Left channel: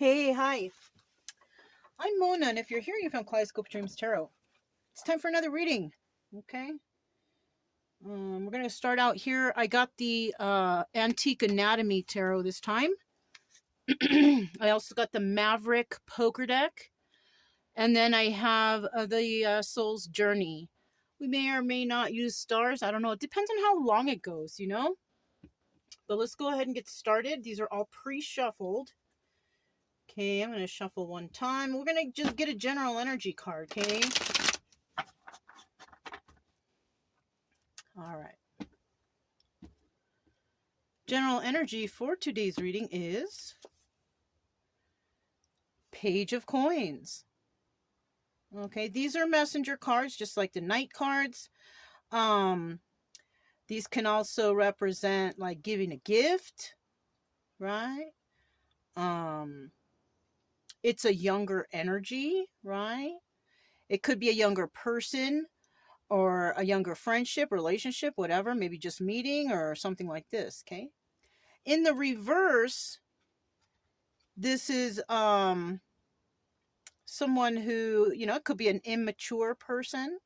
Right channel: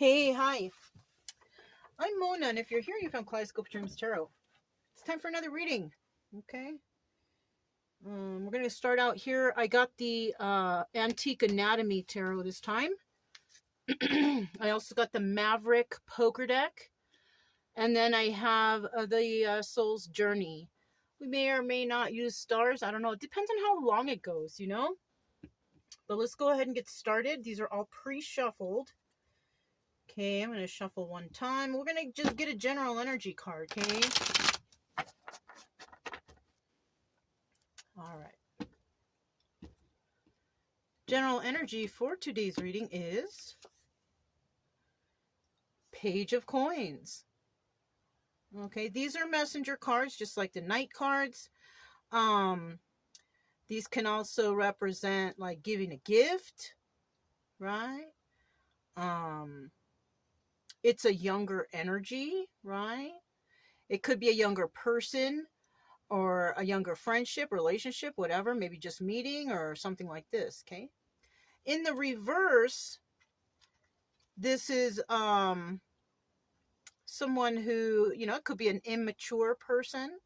Hey, hi. I'm Mona, and if you're here, you found Kaleidoscope Dreams Tarot. It's time for another reading. Okay. We're gonna start out here. I got the Antique Anatomy Tarot this time. I also got the Maverick Poker Deck, and then I have the Soul's Journey. We may or may not use stars. I don't know. It depends on how long it goes, you know. But let's go ahead and get started. These are all pre-shuffled. Okay, I'm going to shuffle one time. We're going to just get a general energy card, okay? All right. General energy for today's reading is Page of Coins. Okay, these are messenger cards, just like the Knight cards. These can also represent like giving a gift, right? It's a younger energy, right? It could be a younger person or a younger friendship, relationship, whatever, maybe just meeting or something like this, okay? In the reverse, this is someone who, you know, it could be an immature person,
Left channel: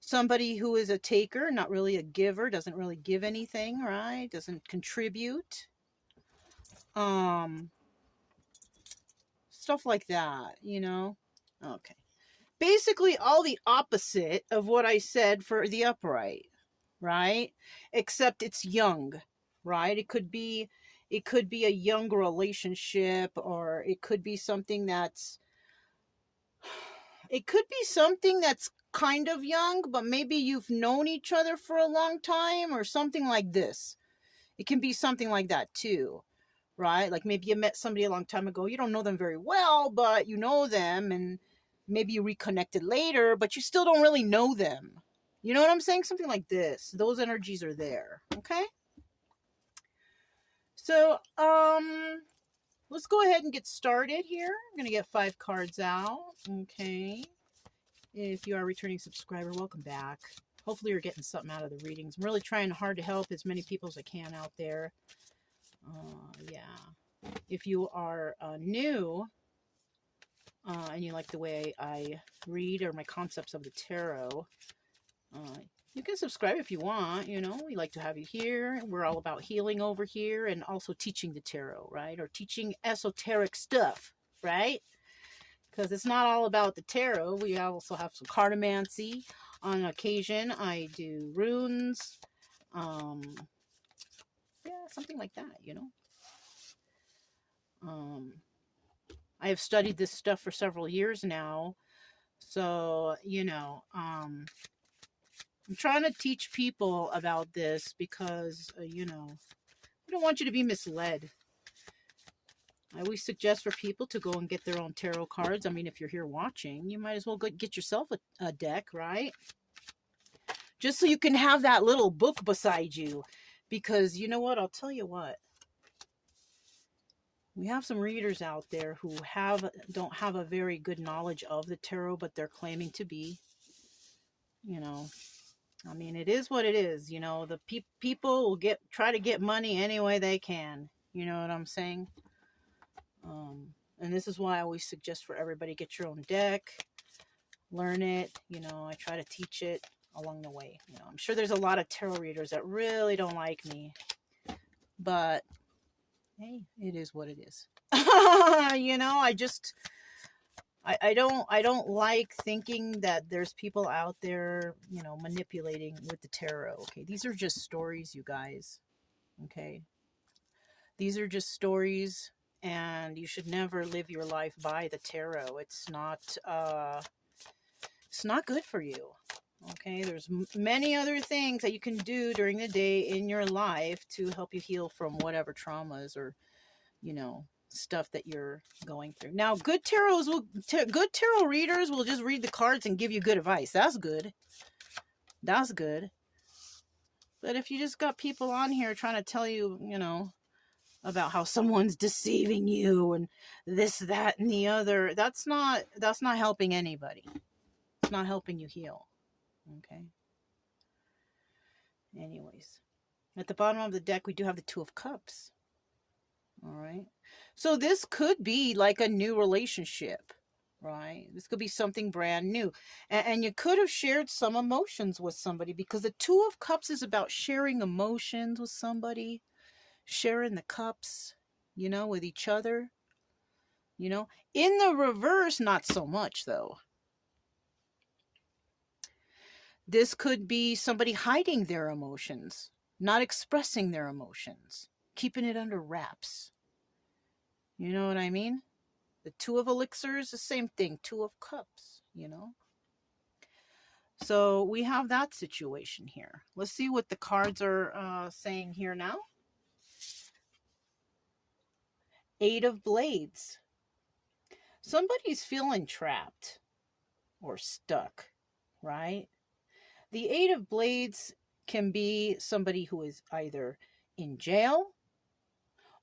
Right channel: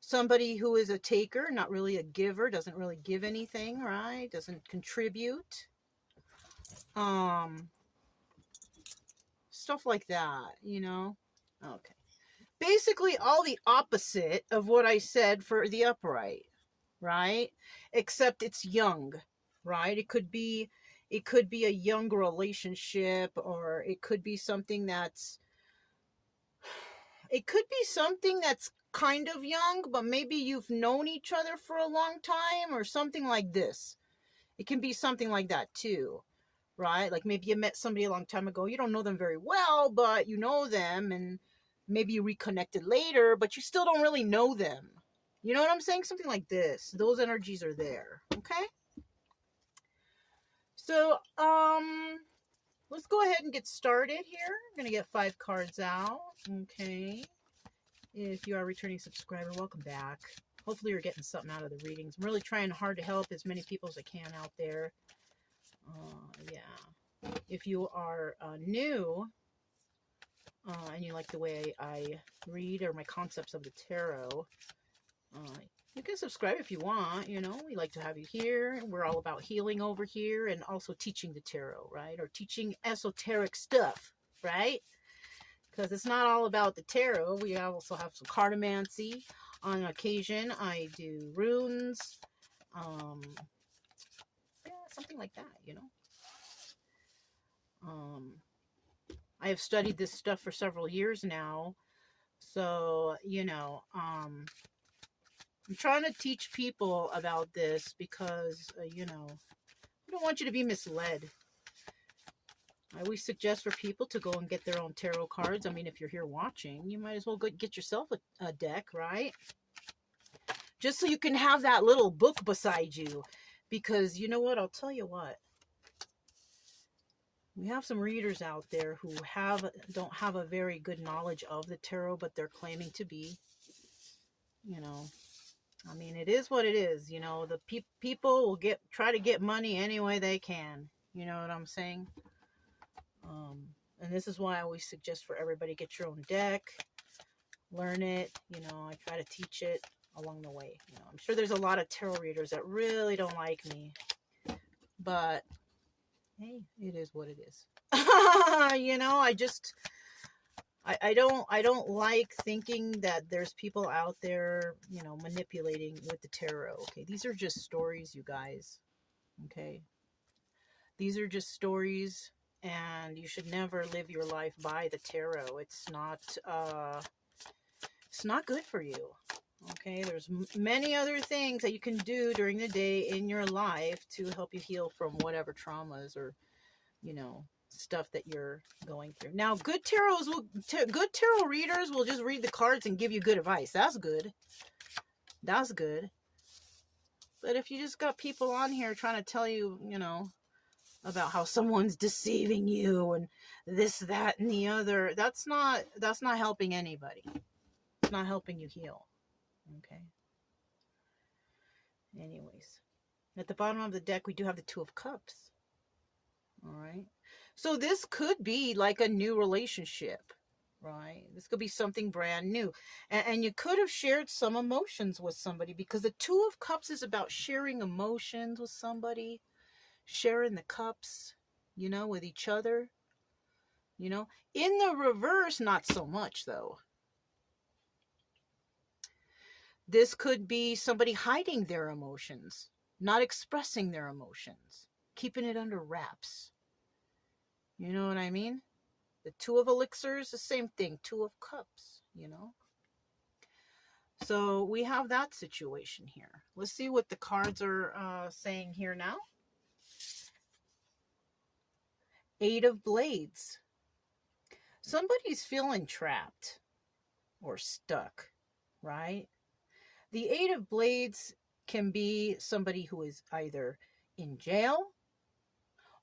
somebody who is a taker, not really a giver, doesn't really give anything, right? Doesn't contribute. Stuff like that, you know? Okay. Basically all the opposite of what I said for the upright, right? Except it's young, right? It could be a young relationship, or it could be something that's kind of young, but maybe you've known each other for a long time or something like this. It can be something like that too, right? Like maybe you met somebody a long time ago. You don't know them very well, but you know them, and maybe you reconnected later, but you still don't really know them. You know what I'm saying? Something like this. Those energies are there, okay? So, let's go ahead and get started here. I'm going to get 5 cards out, okay? If you are a returning subscriber, welcome back. Hopefully you're getting something out of the readings. I'm really trying hard to help as many people as I can out there. Yeah. If you are new and you like the way I read or my concepts of the tarot, you can subscribe if you want. You know, we like to have you here. We're all about healing over here and also teaching the tarot, right? Or teaching esoteric stuff, right? Because it's not all about the tarot. We also have some cartomancy. On occasion, I do runes. Yeah, something like that, you know. I have studied this stuff for several years now. So, you know, I'm trying to teach people about this because, you know, I don't want you to be misled. I always suggest for people to go and get their own tarot cards. I mean, if you're here watching, you might as well go get yourself a deck, right? Just so you can have that little book beside you. Because you know what? I'll tell you what. We have some readers out there who don't have a very good knowledge of the tarot, but they're claiming to be. You know, I mean, it is what it is. You know, the people will try to get money any way they can. You know what I'm saying? And this is why I always suggest for everybody, get your own deck, learn it. You know, I try to teach it along the way. You know, I'm sure there's a lot of tarot readers that really don't like me, but hey, it is what it is. You know, I don't like thinking that there's people out there, you know, manipulating with the tarot. Okay, these are just stories, you guys. Okay, these are just stories, and you should never live your life by the tarot. It's not good for you. Okay, there's many other things that you can do during the day in your life to help you heal from whatever traumas or, you know, stuff that you're going through. Now, good tarot readers will just read the cards and give you good advice. That's good. That's good. But if you just got people on here trying to tell you, you know, about how someone's deceiving you and this, that, and the other, that's not helping anybody. It's not helping you heal. Okay. Anyways, at the bottom of the deck, we do have the Two of Cups. All right. So this could be like a new relationship, right? This could be something brand new. And you could have shared some emotions with somebody, because the Two of Cups is about sharing emotions with somebody, sharing the cups, with each other, In the reverse, not so much though. This could be somebody hiding their emotions, not expressing their emotions, keeping it under wraps. You know what I mean? The Two of Elixirs, the same thing. Two of Cups, So we have that situation here. Let's see what the cards are saying here now. Eight of Blades. Somebody's feeling trapped or stuck, right? The Eight of Blades can be somebody who is either in jail,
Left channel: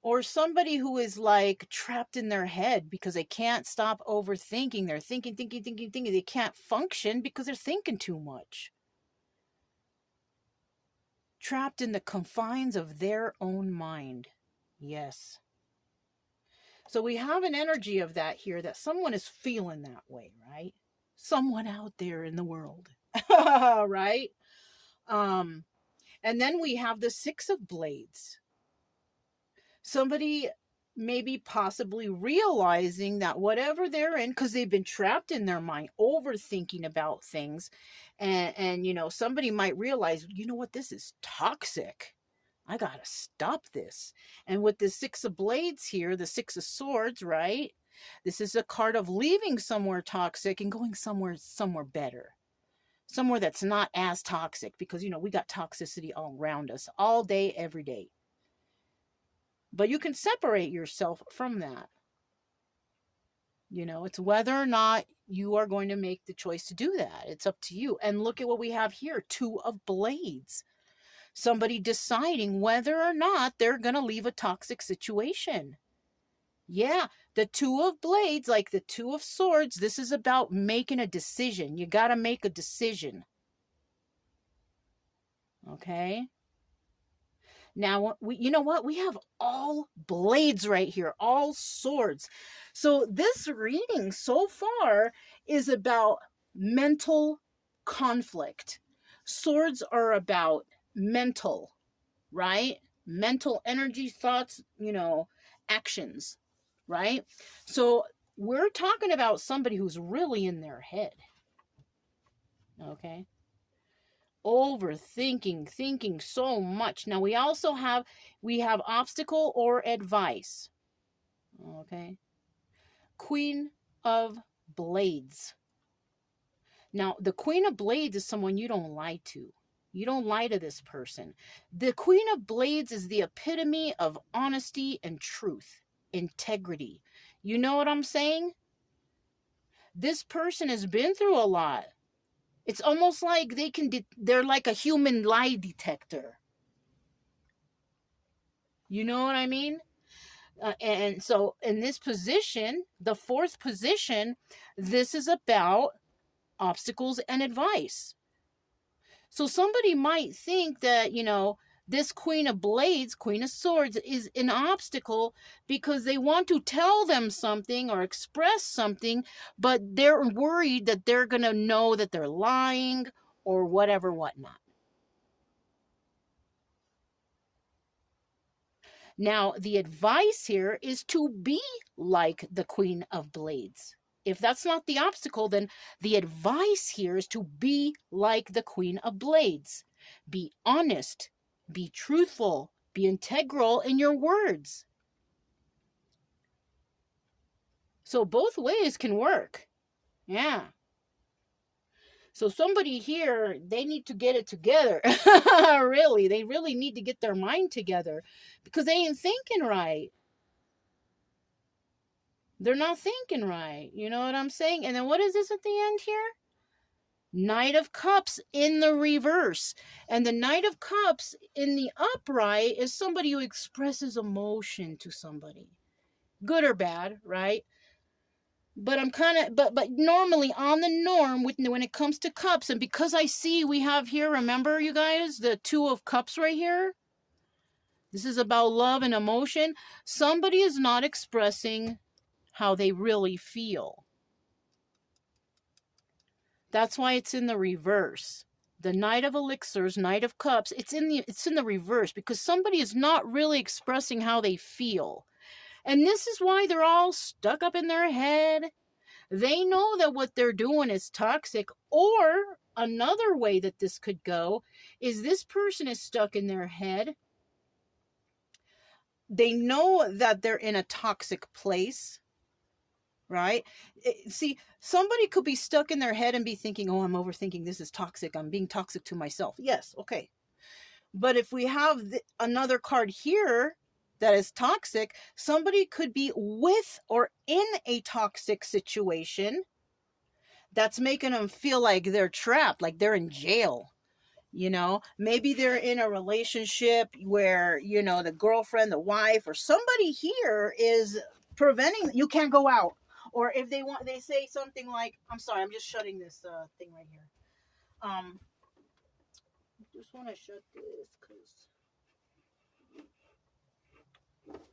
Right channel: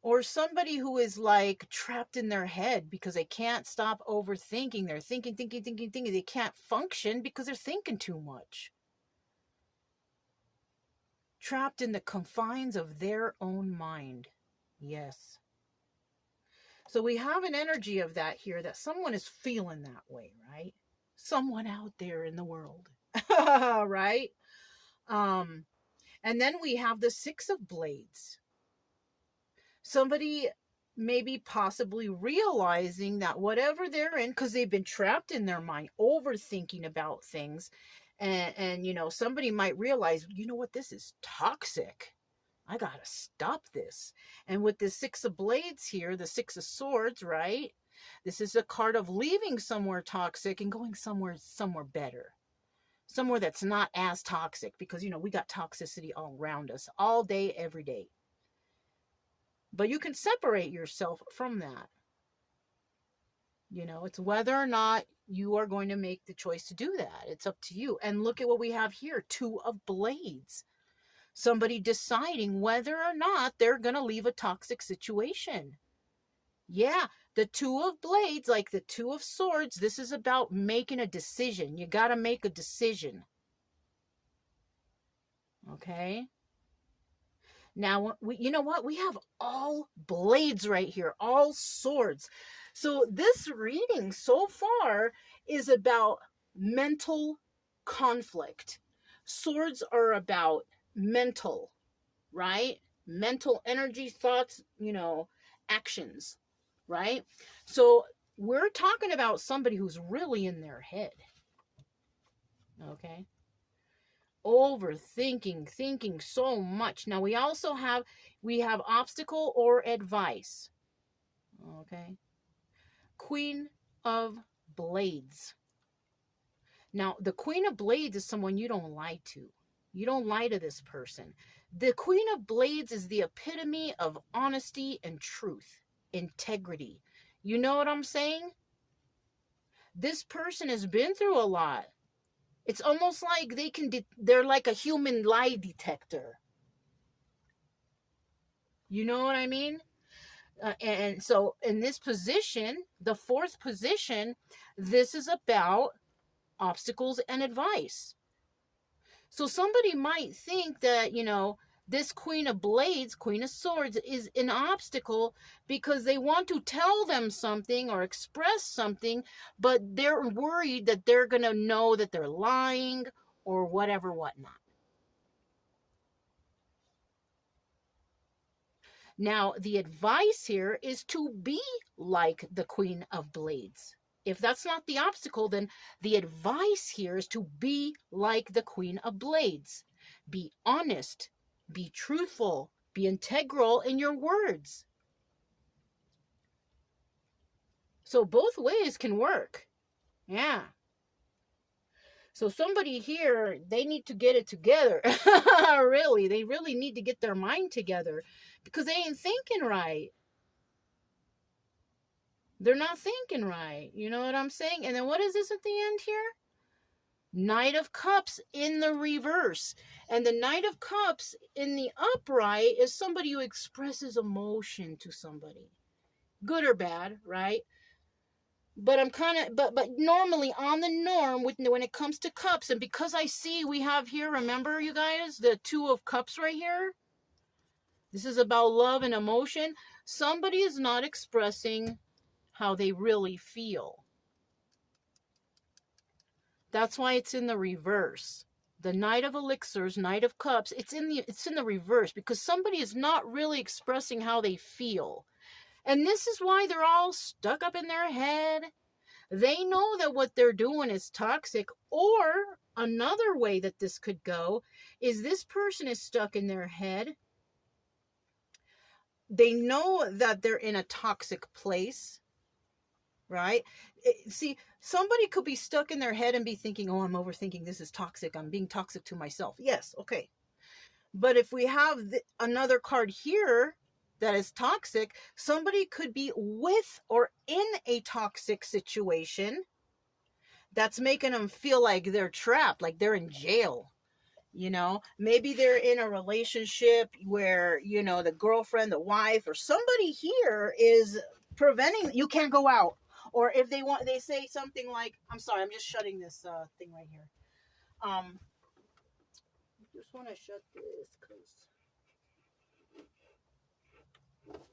or somebody who is like trapped in their head because they can't stop overthinking. They're thinking. They can't function because they're thinking too much. Trapped in the confines of their own mind. Yes. So we have an energy of that here, that someone is feeling that way, right? Someone out there in the world, right? And then we have the Six of Blades. Somebody maybe possibly realizing that whatever they're in, because they've been trapped in their mind, overthinking about things, and somebody might realize, what, this is toxic. I gotta stop this. And with the Six of Blades here, the Six of Swords, right? This is a card of leaving somewhere toxic and going somewhere better. Somewhere that's not as toxic, because, we got toxicity all around us, all day, every day. But you can separate yourself from that. It's whether or not you are going to make the choice to do that. It's up to you. And look at what we have here. Two of Blades. Somebody deciding whether or not they're going to leave a toxic situation. Yeah, the Two of Blades, like the Two of Swords, this is about making a decision. You got to make a decision. Okay? Now, you know what? We have all blades right here, all swords. So this reading so far is about mental conflict. Swords are about mental, right? Mental energy, thoughts, actions, right? So we're talking about somebody who's really in their head. Okay? Overthinking, thinking so much. Now we also have obstacle or advice. Okay? Queen of Blades. Now, the Queen of Blades is someone you don't lie to. You don't lie to this person. The Queen of Blades is the epitome of honesty and truth, integrity. You know what I'm saying? This person has been through a lot. It's almost like they're like a human lie detector. You know what I mean? And so in this position, the fourth position, this is about obstacles and advice. So somebody might think that, this Queen of Blades, Queen of Swords, is an obstacle because they want to tell them something or express something, but they're worried that they're going to know that they're lying or whatever, whatnot. Now, the advice here is to be like the Queen of Blades. If that's not the obstacle, then the advice here is to be like the Queen of Blades. Be honest. Be truthful, be integral in your words. So both ways can work. Yeah. So somebody here, they need to get it together. Really, they really need to get their mind together, because they ain't thinking right. They're not thinking right. You know what I'm saying? And then what is this at the end here? Knight of Cups in the reverse. And the Knight of Cups in the upright is somebody who expresses emotion to somebody. Good or bad, right? But I'm kind of, but normally on the norm when it comes to cups, and because I see we have here, remember you guys, the Two of Cups right here? This is about love and emotion. Somebody is not expressing how they really feel. That's why it's in the reverse. The Knight of Elixirs, Knight of Cups, it's in the reverse, because somebody is not really expressing how they feel. And this is why they're all stuck up in their head. They know that what they're doing is toxic. Or another way that this could go is this person is stuck in their head. They know that they're in a toxic place, right? See, somebody could be stuck in their head and be thinking, oh, I'm overthinking. This is toxic. I'm being toxic to myself. Yes, okay. But if we have another card here that is toxic, somebody could be with or in a toxic situation that's making them feel like they're trapped, like they're in jail. You know, maybe they're in a relationship where, you know, the girlfriend, the wife, or somebody here is preventing, you can't go out. Or if they want, they say something like, I'm sorry, I'm just shutting this thing right here. Just want to shut this because,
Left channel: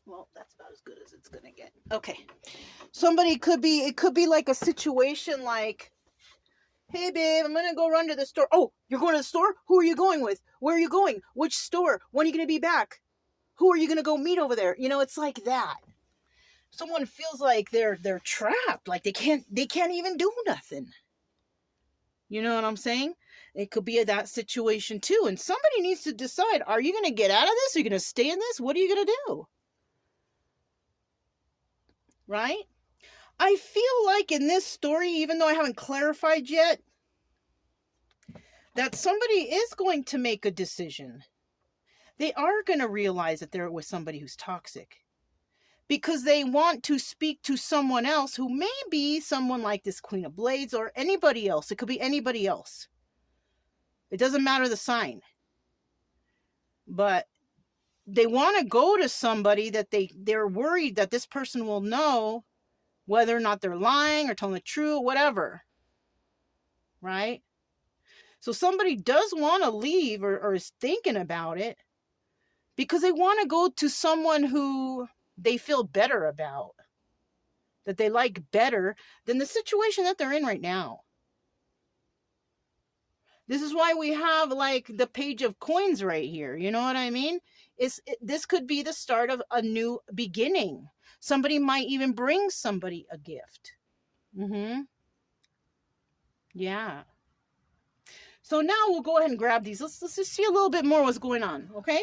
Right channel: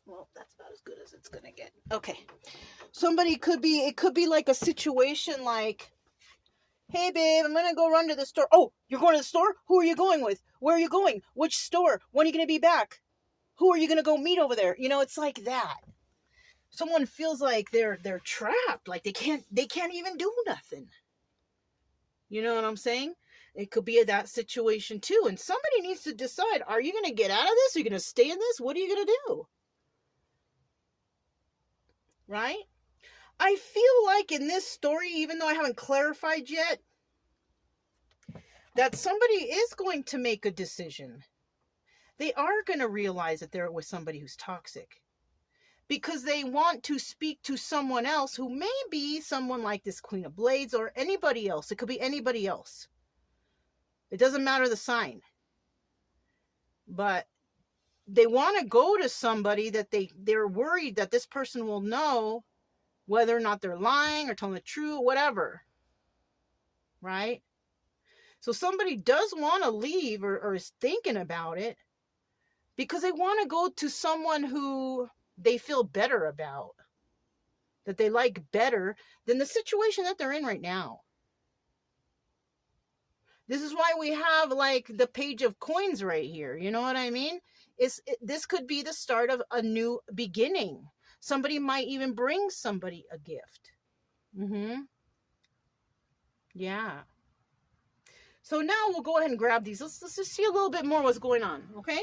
well, that's about as good as it's going to get. Okay. Somebody could be, it could be like a situation like, hey, babe, I'm going to go run to the store. Oh, you're going to the store? Who are you going with? Where are you going? Which store? When are you going to be back? Who are you going to go meet over there? You know, it's like that. Someone feels like they're trapped, like they can't even do nothing. You know what I'm saying? It could be that situation too. And somebody needs to decide, are you going to get out of this? Are you going to stay in this? What are you going to do? Right? I feel like in this story, even though I haven't clarified yet, that somebody is going to make a decision. They are going to realize that they're with somebody who's toxic. Because they want to speak to someone else who may be someone like this Queen of Blades or anybody else. It could be anybody else. It doesn't matter the sign. But they want to go to somebody that they're worried that this person will know whether or not they're lying or telling the truth, whatever. Right? So somebody does want to leave or is thinking about it because they want to go to someone who they feel better about, that they like better than the situation that they're in right now. This is why we have like the Page of Coins right here. You know what I mean? This could be the start of a new beginning. Somebody might even bring somebody a gift. Yeah. So now we'll go ahead and grab these. Let's just see a little bit more what's going on, okay?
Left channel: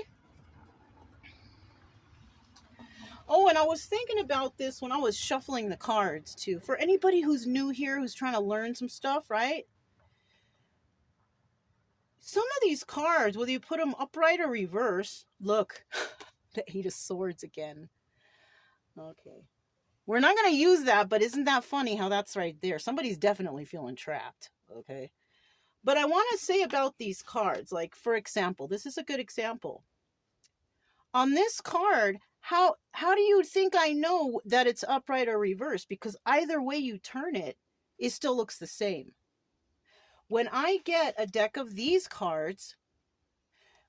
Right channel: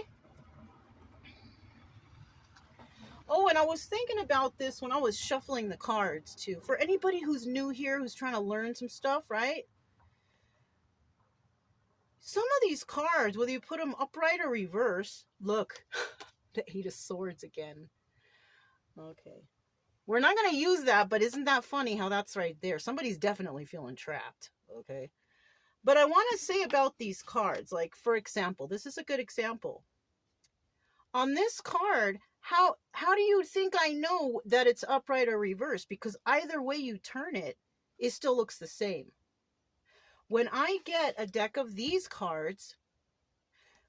Oh, and I was thinking about this when I was shuffling the cards, too. For anybody who's new here, who's trying to learn some stuff, right? Some of these cards, whether you put them upright or reverse, look, the Eight of Swords again. Okay. We're not going to use that, but isn't that funny how that's right there? Somebody's definitely feeling trapped, okay? But I want to say about these cards, like, for example, this is a good example. On this card, how do you think I know that it's upright or reverse? Because either way you turn it, it still looks the same. When I get a deck of these cards,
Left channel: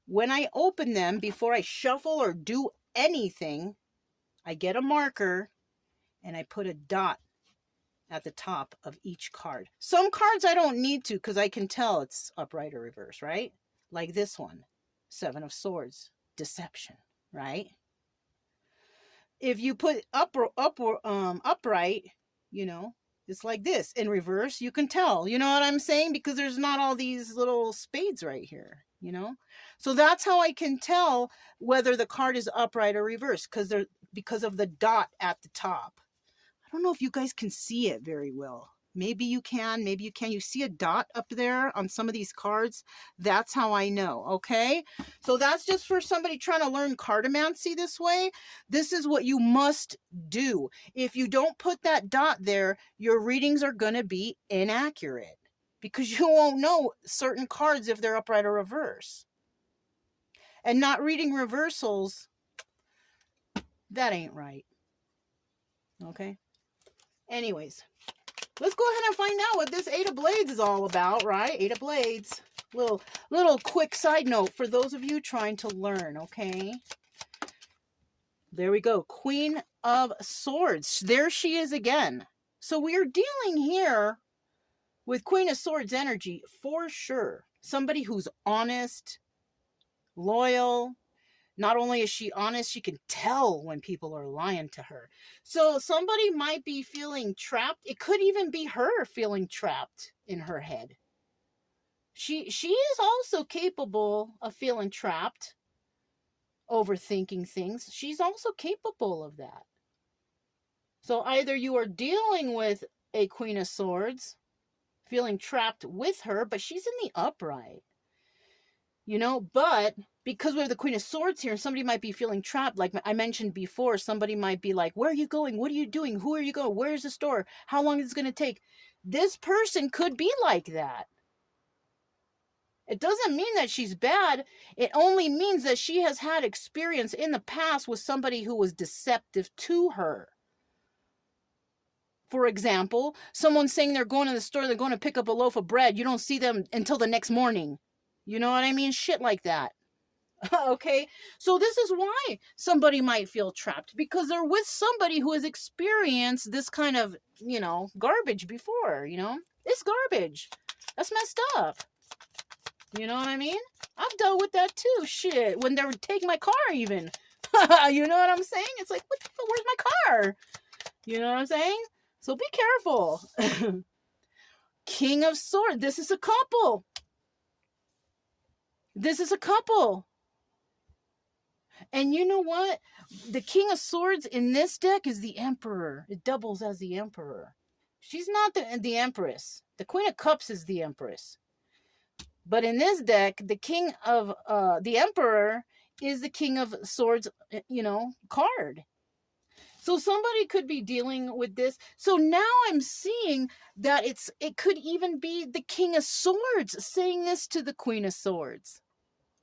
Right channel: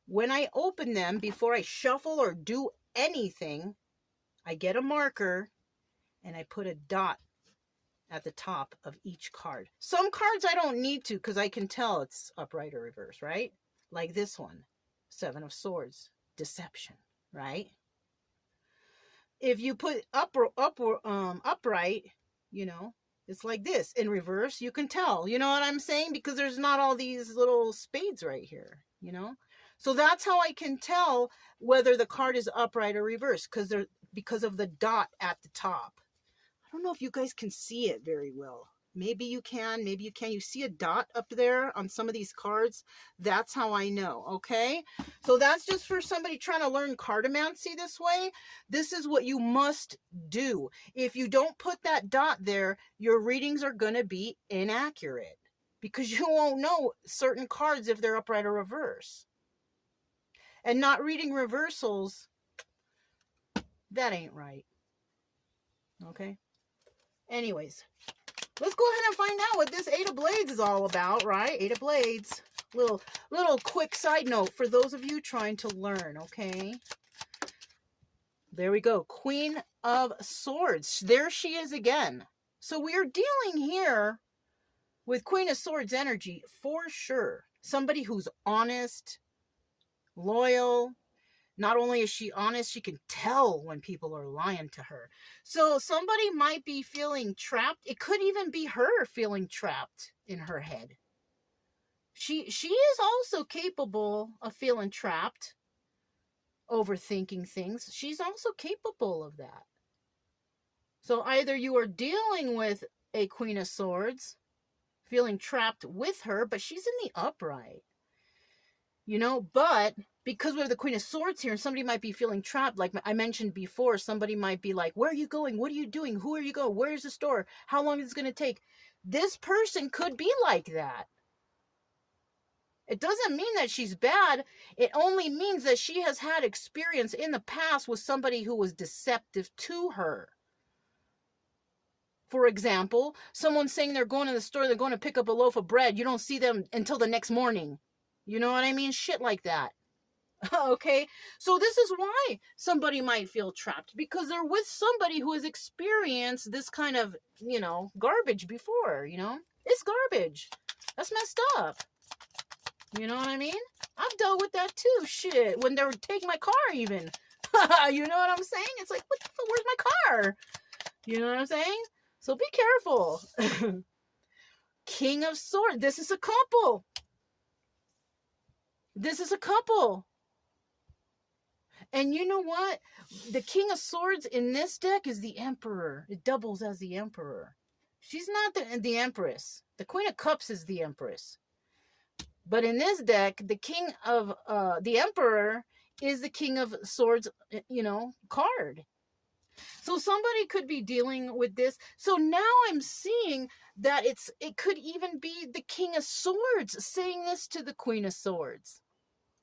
when I open them, before I shuffle or do anything, I get a marker and I put a dot at the top of each card. Some cards I don't need to because I can tell it's upright or reverse, right? Like this one, Seven of Swords, Deception, right? If you put upright, you know, it's like this. In reverse, you can tell. You know what I'm saying? Because there's not all these little spades right here, you know? So that's how I can tell whether the card is upright or reverse, because of the dot at the top. I don't know if you guys can see it very well. Maybe you can, maybe you can. You see a dot up there on some of these cards? That's how I know, okay? So that's just for somebody trying to learn cartomancy this way. This is what you must do. If you don't put that dot there, your readings are going to be inaccurate because you won't know certain cards if they're upright or reverse. And not reading reversals, that ain't right. Okay? Anyways, let's go ahead and find out what this Eight of Blades is all about, right? Eight of Blades. Little quick side note for those of you trying to learn, okay? There we go. Queen of Swords. There she is again. So we are dealing here with Queen of Swords energy for sure. Somebody who's honest, loyal. Not only is she honest, she can tell when people are lying to her. So somebody might be feeling trapped. It could even be her feeling trapped in her head. She is also capable of feeling trapped, overthinking things. She's also capable of that. So either you are dealing with a Queen of Swords, feeling trapped with her, but she's in the upright. You know, but because we have the Queen of Swords here, somebody might be feeling trapped. Like I mentioned before, somebody might be like, where are you going? What are you doing? Who are you going? Where's the store? How long is it going to take? This person could be like that. It doesn't mean that she's bad. It only means that she has had experience in the past with somebody who was deceptive to her. For example, someone saying they're going to the store, they're going to pick up a loaf of bread. You don't see them until the next morning. You know what I mean? Shit like that. Okay? So this is why somebody might feel trapped, because they're with somebody who has experienced this kind of, you know, garbage before, you know? It's garbage. That's messed up. You know what I mean? I've dealt with that too. Shit. When they would take my car even. You know what I'm saying? It's like, what the fuck? Where's my car? You know what I'm saying? So be careful. King of Swords. This is a couple. This is a couple. And you know what? The King of Swords in this deck is the Emperor. It doubles as the Emperor. She's not the Empress. The Queen of Cups is the Empress. But in this deck, the King of the Emperor is the King of Swords, you know, card. So somebody could be dealing with this. So now I'm seeing that it could even be the King of Swords saying this to the Queen of Swords.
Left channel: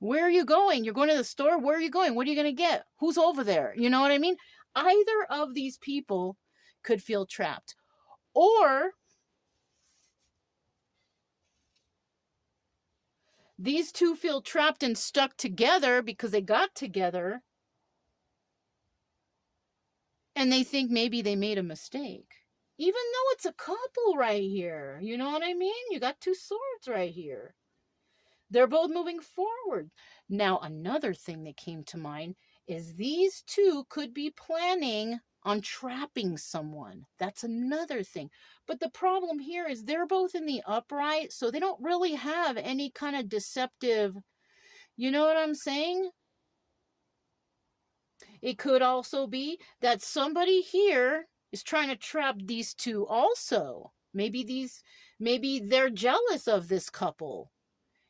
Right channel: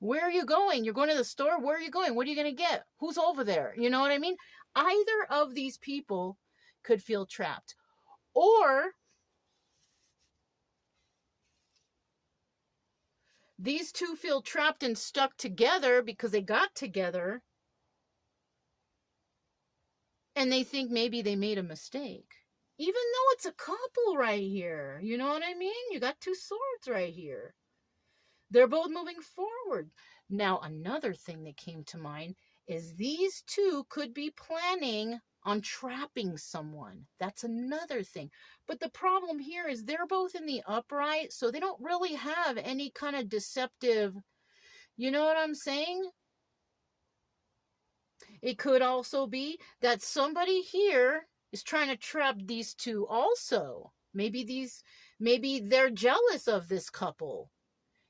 Where are you going? You're going to the store? Where are you going? What are you going to get? Who's over there? You know what I mean? Either of these people could feel trapped. Or these two feel trapped and stuck together because they got together and they think maybe they made a mistake. Even though it's a couple right here. You know what I mean? You got two swords right here. They're both moving forward. Now, another thing that came to mind is these two could be planning on trapping someone. That's another thing. But the problem here is they're both in the upright, so they don't really have any kind of deceptive, you know what I'm saying? It could also be that somebody here is trying to trap these two also. Maybe they're jealous of this couple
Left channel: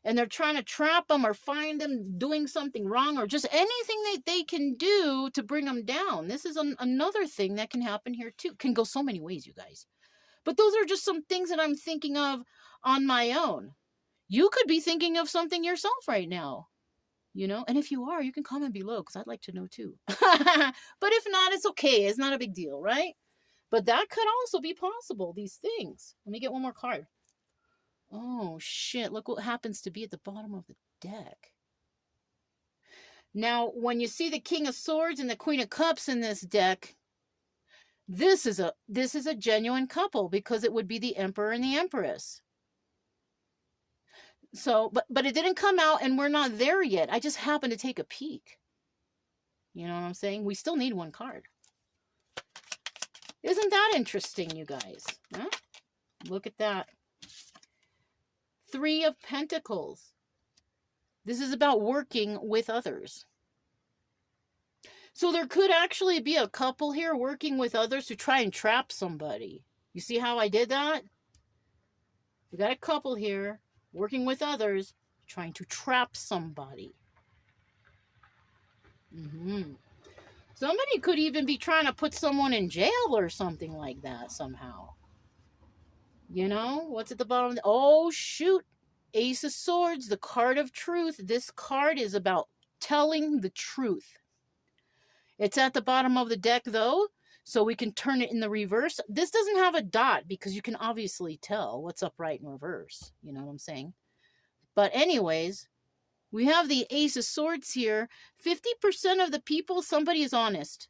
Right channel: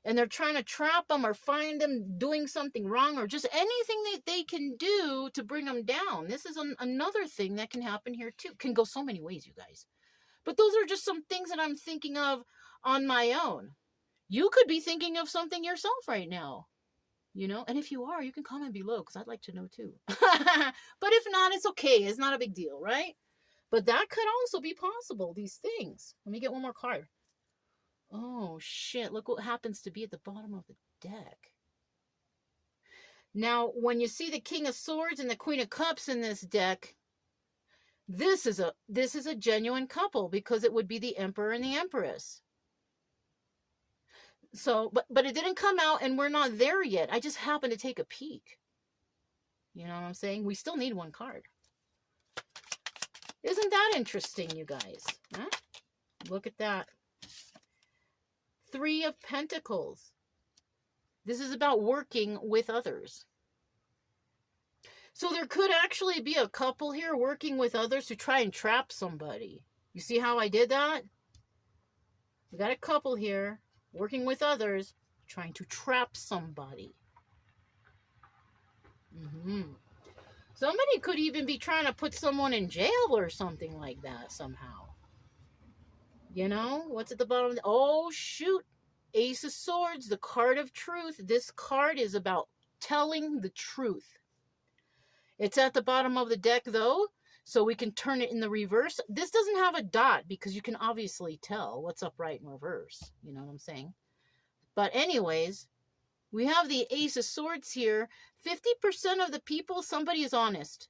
and they're trying to trap them or find them doing something wrong or just anything that they can do to bring them down. This is another thing that can happen here too. Can go so many ways, you guys. But those are just some things that I'm thinking of on my own. You could be thinking of something yourself right now. You know, and if you are, you can comment below because I'd like to know too. But if not, it's okay. It's not a big deal, right? But that could also be possible, these things. Let me get one more card. Oh, shit. Look what happens to be at the bottom of the deck. Now, when you see the King of Swords and the Queen of Cups in this deck, this is a genuine couple because it would be the Emperor and the Empress. So, but it didn't come out and we're not there yet. I just happened to take a peek. You know what I'm saying? We still need one card. Isn't that interesting, you guys? Huh? Look at that. 3 of Pentacles. This is about working with others. So there could actually be a couple here working with others to try and trap somebody. You see how I did that? We got a couple here working with others, trying to trap somebody. Somebody could even be trying to put someone in jail or something like that somehow. You know, what's at the bottom? Oh, shoot. Ace of Swords, the card of truth. This card is about telling the truth. It's at the bottom of the deck, though, so we can turn it in the reverse. This doesn't have a dot because you can obviously tell what's upright and reverse. You know what I'm saying? But anyways, We have the Ace of Swords here. 50% of the people, somebody is honest.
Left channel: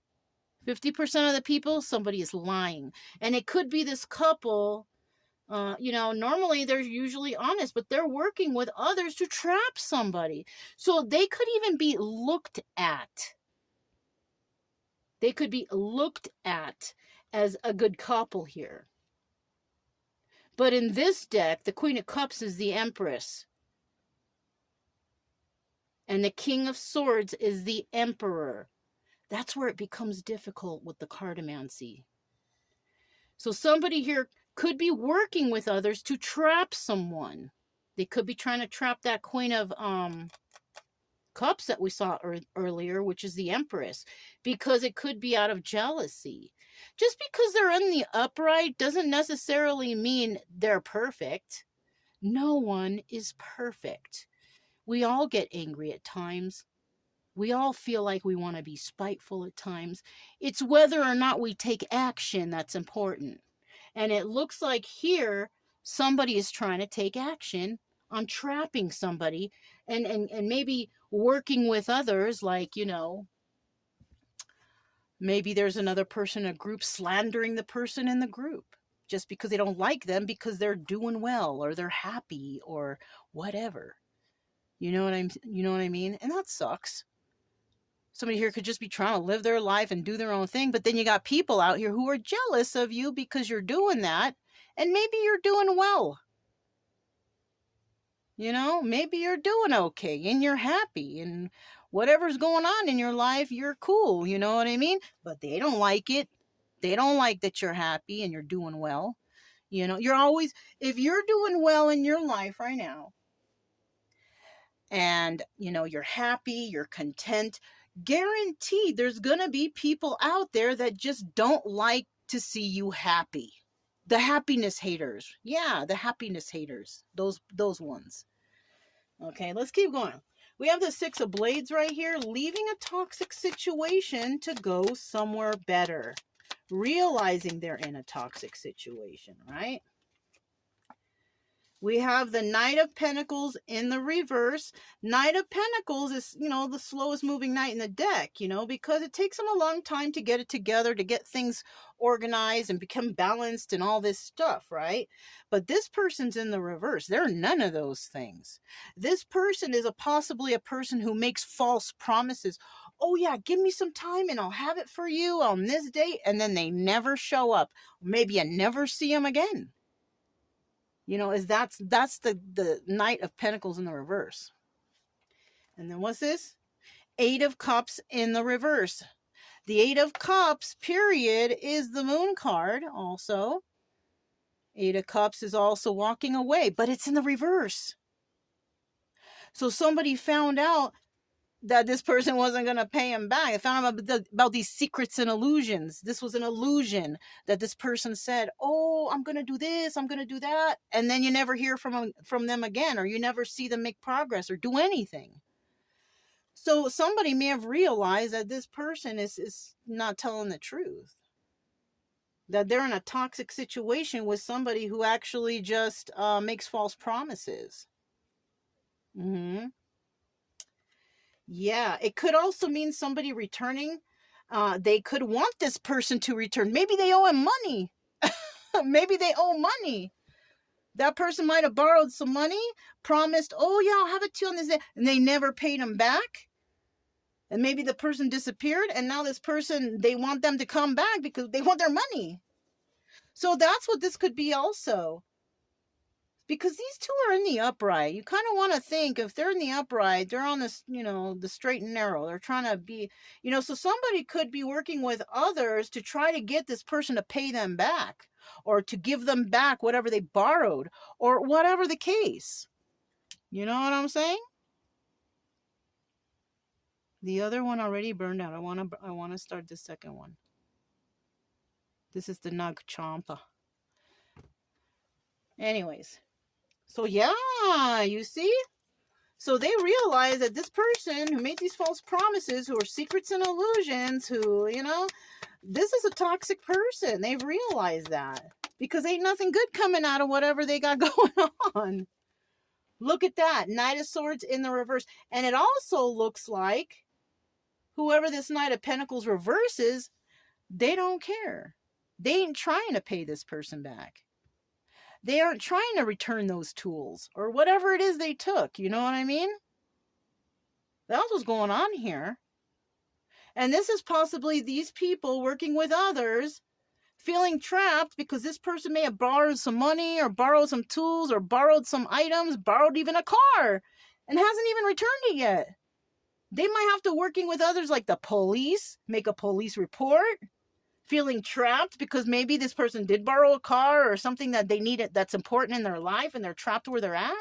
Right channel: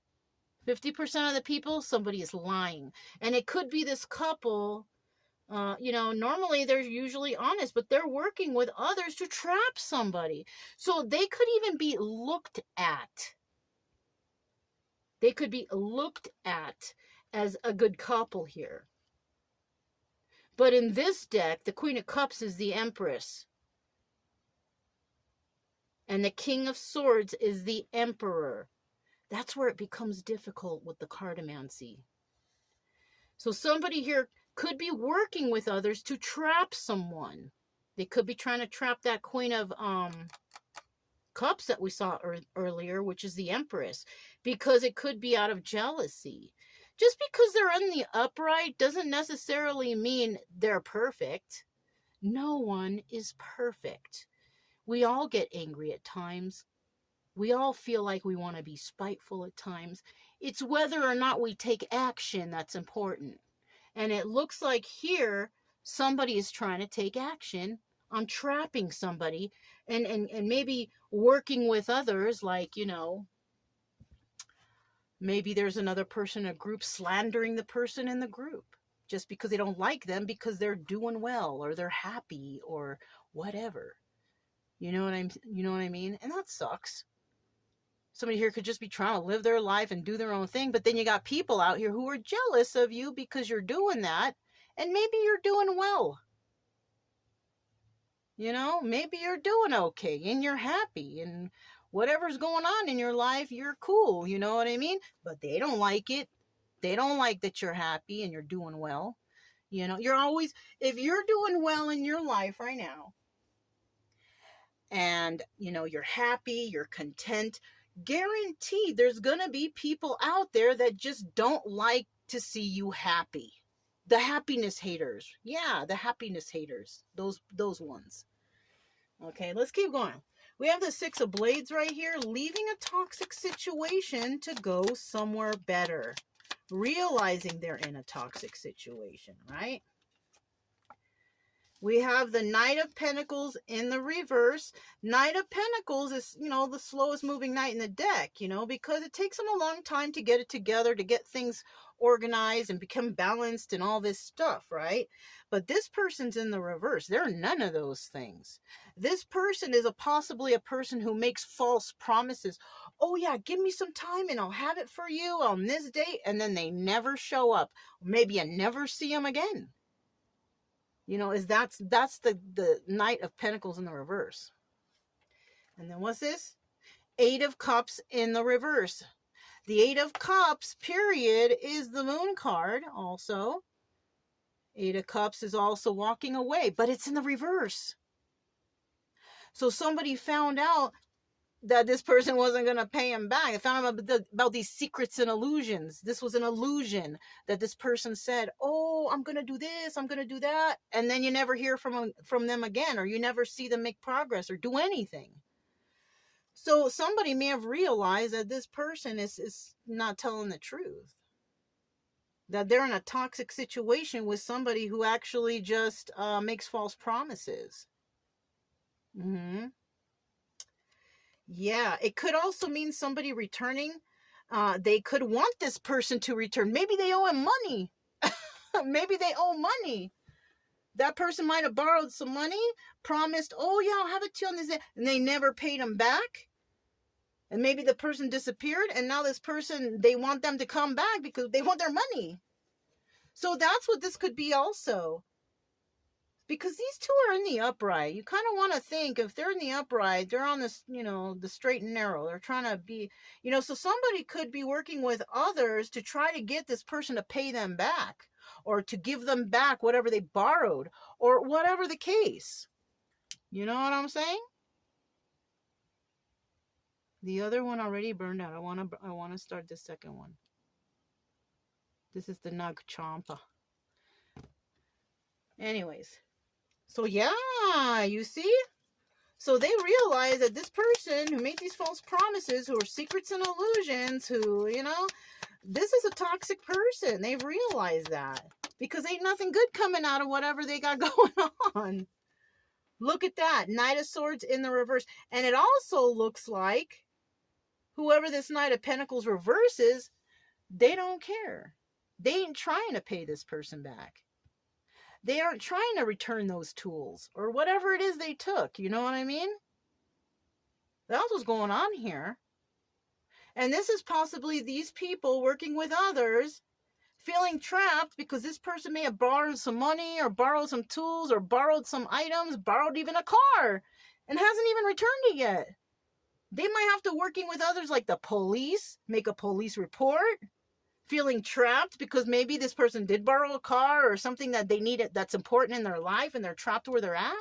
50% of the people, somebody is lying. And it could be this couple, normally they're usually honest, but they're working with others to trap somebody. So they could even be looked at. They could be looked at as a good couple here. But in this deck, the Queen of Cups is the Empress. And the King of Swords is the Emperor. That's where it becomes difficult with the cartomancy. So somebody here could be working with others to trap someone. They could be trying to trap that Queen of Cups that we saw earlier, which is the Empress, because it could be out of jealousy. Just because they're in the upright doesn't necessarily mean they're perfect. No one is perfect. We all get angry at times. We all feel like we want to be spiteful at times. It's whether or not we take action that's important. And it looks like here somebody is trying to take action on trapping somebody and maybe working with others, like, maybe there's another person in a group slandering the person in the group just because they don't like them because they're doing well or they're happy or whatever. You know what I mean? And that sucks. Somebody here could just be trying to live their life and do their own thing, but then you got people out here who are jealous of you because you're doing that, and maybe you're doing well. Maybe you're doing okay and you're happy and whatever's going on in your life, you're cool, you know what I mean? But they don't like it. They don't like that you're happy and you're doing well. You're always, if you're doing well in your life right now, and, you're happy, you're content, guaranteed there's going to be people out there that just don't like to see you happy. The happiness haters. Yeah, the happiness haters. Those ones. Okay, let's keep going. We have the Six of Blades right here, leaving a toxic situation to go somewhere better. Realizing they're in a toxic situation, right? We have the Knight of Pentacles in the reverse. Knight of Pentacles is, the slowest moving knight in the deck, because it takes them a long time to get it together, to get things organized and become balanced and all this stuff, right? But this person's in the reverse. They're none of those things. This person is possibly a person who makes false promises. Oh yeah, give me some time and I'll have it for you on this date. And then they never show up. Maybe you never see them again. That's the Knight of Pentacles in the reverse. And then what's this? Eight of Cups in the reverse. The Eight of Cups, period, is the Moon card also. Eight of Cups is also walking away, but it's in the reverse. So somebody found out that this person wasn't going to pay him back. They found out about these secrets and illusions. This was an illusion that this person said, oh, I'm going to do this, I'm going to do that. And then you never hear from them again, or you never see them make progress or do anything. So somebody may have realized that this person is not telling the truth. That they're in a toxic situation with somebody who actually just makes false promises. Yeah, it could also mean somebody returning. They could want this person to return. Maybe they owe him money. Maybe they owe money. That person might have borrowed some money, promised, oh yeah, I'll have it to you on this day, and they never paid him back. And maybe the person disappeared, and now this person, they want them to come back because they want their money. So that's what this could be also. Because these two are in the upright. You kind of want to think, if they're in the upright, they're on this, the straight and narrow. They're trying to be, so somebody could be working with others to try to get this person to pay them back, or to give them back whatever they borrowed, or whatever the case. You know what I'm saying? The other one already burned out. I want to start the second one. This is the Nag Champa. Anyways. So yeah, you see? So they realize that this person who made these false promises, who are secrets and illusions, who, this is a toxic person. They've realized that. Because ain't nothing good coming out of whatever they got going on. Look at that. Knight of Swords in the reverse. And it also looks like whoever this Knight of Pentacles reverses, they don't care. They ain't trying to pay this person back. They aren't trying to return those tools or whatever it is they took. You know what I mean? That's what's going on here. And this is possibly these people working with others feeling trapped because this person may have borrowed some money or borrowed some tools or borrowed some items, borrowed even a car and hasn't even returned it yet. They might have to working with others like the police, make a police report, feeling trapped because maybe this person did borrow a car or something that they need that's important in their life and they're trapped where they're at.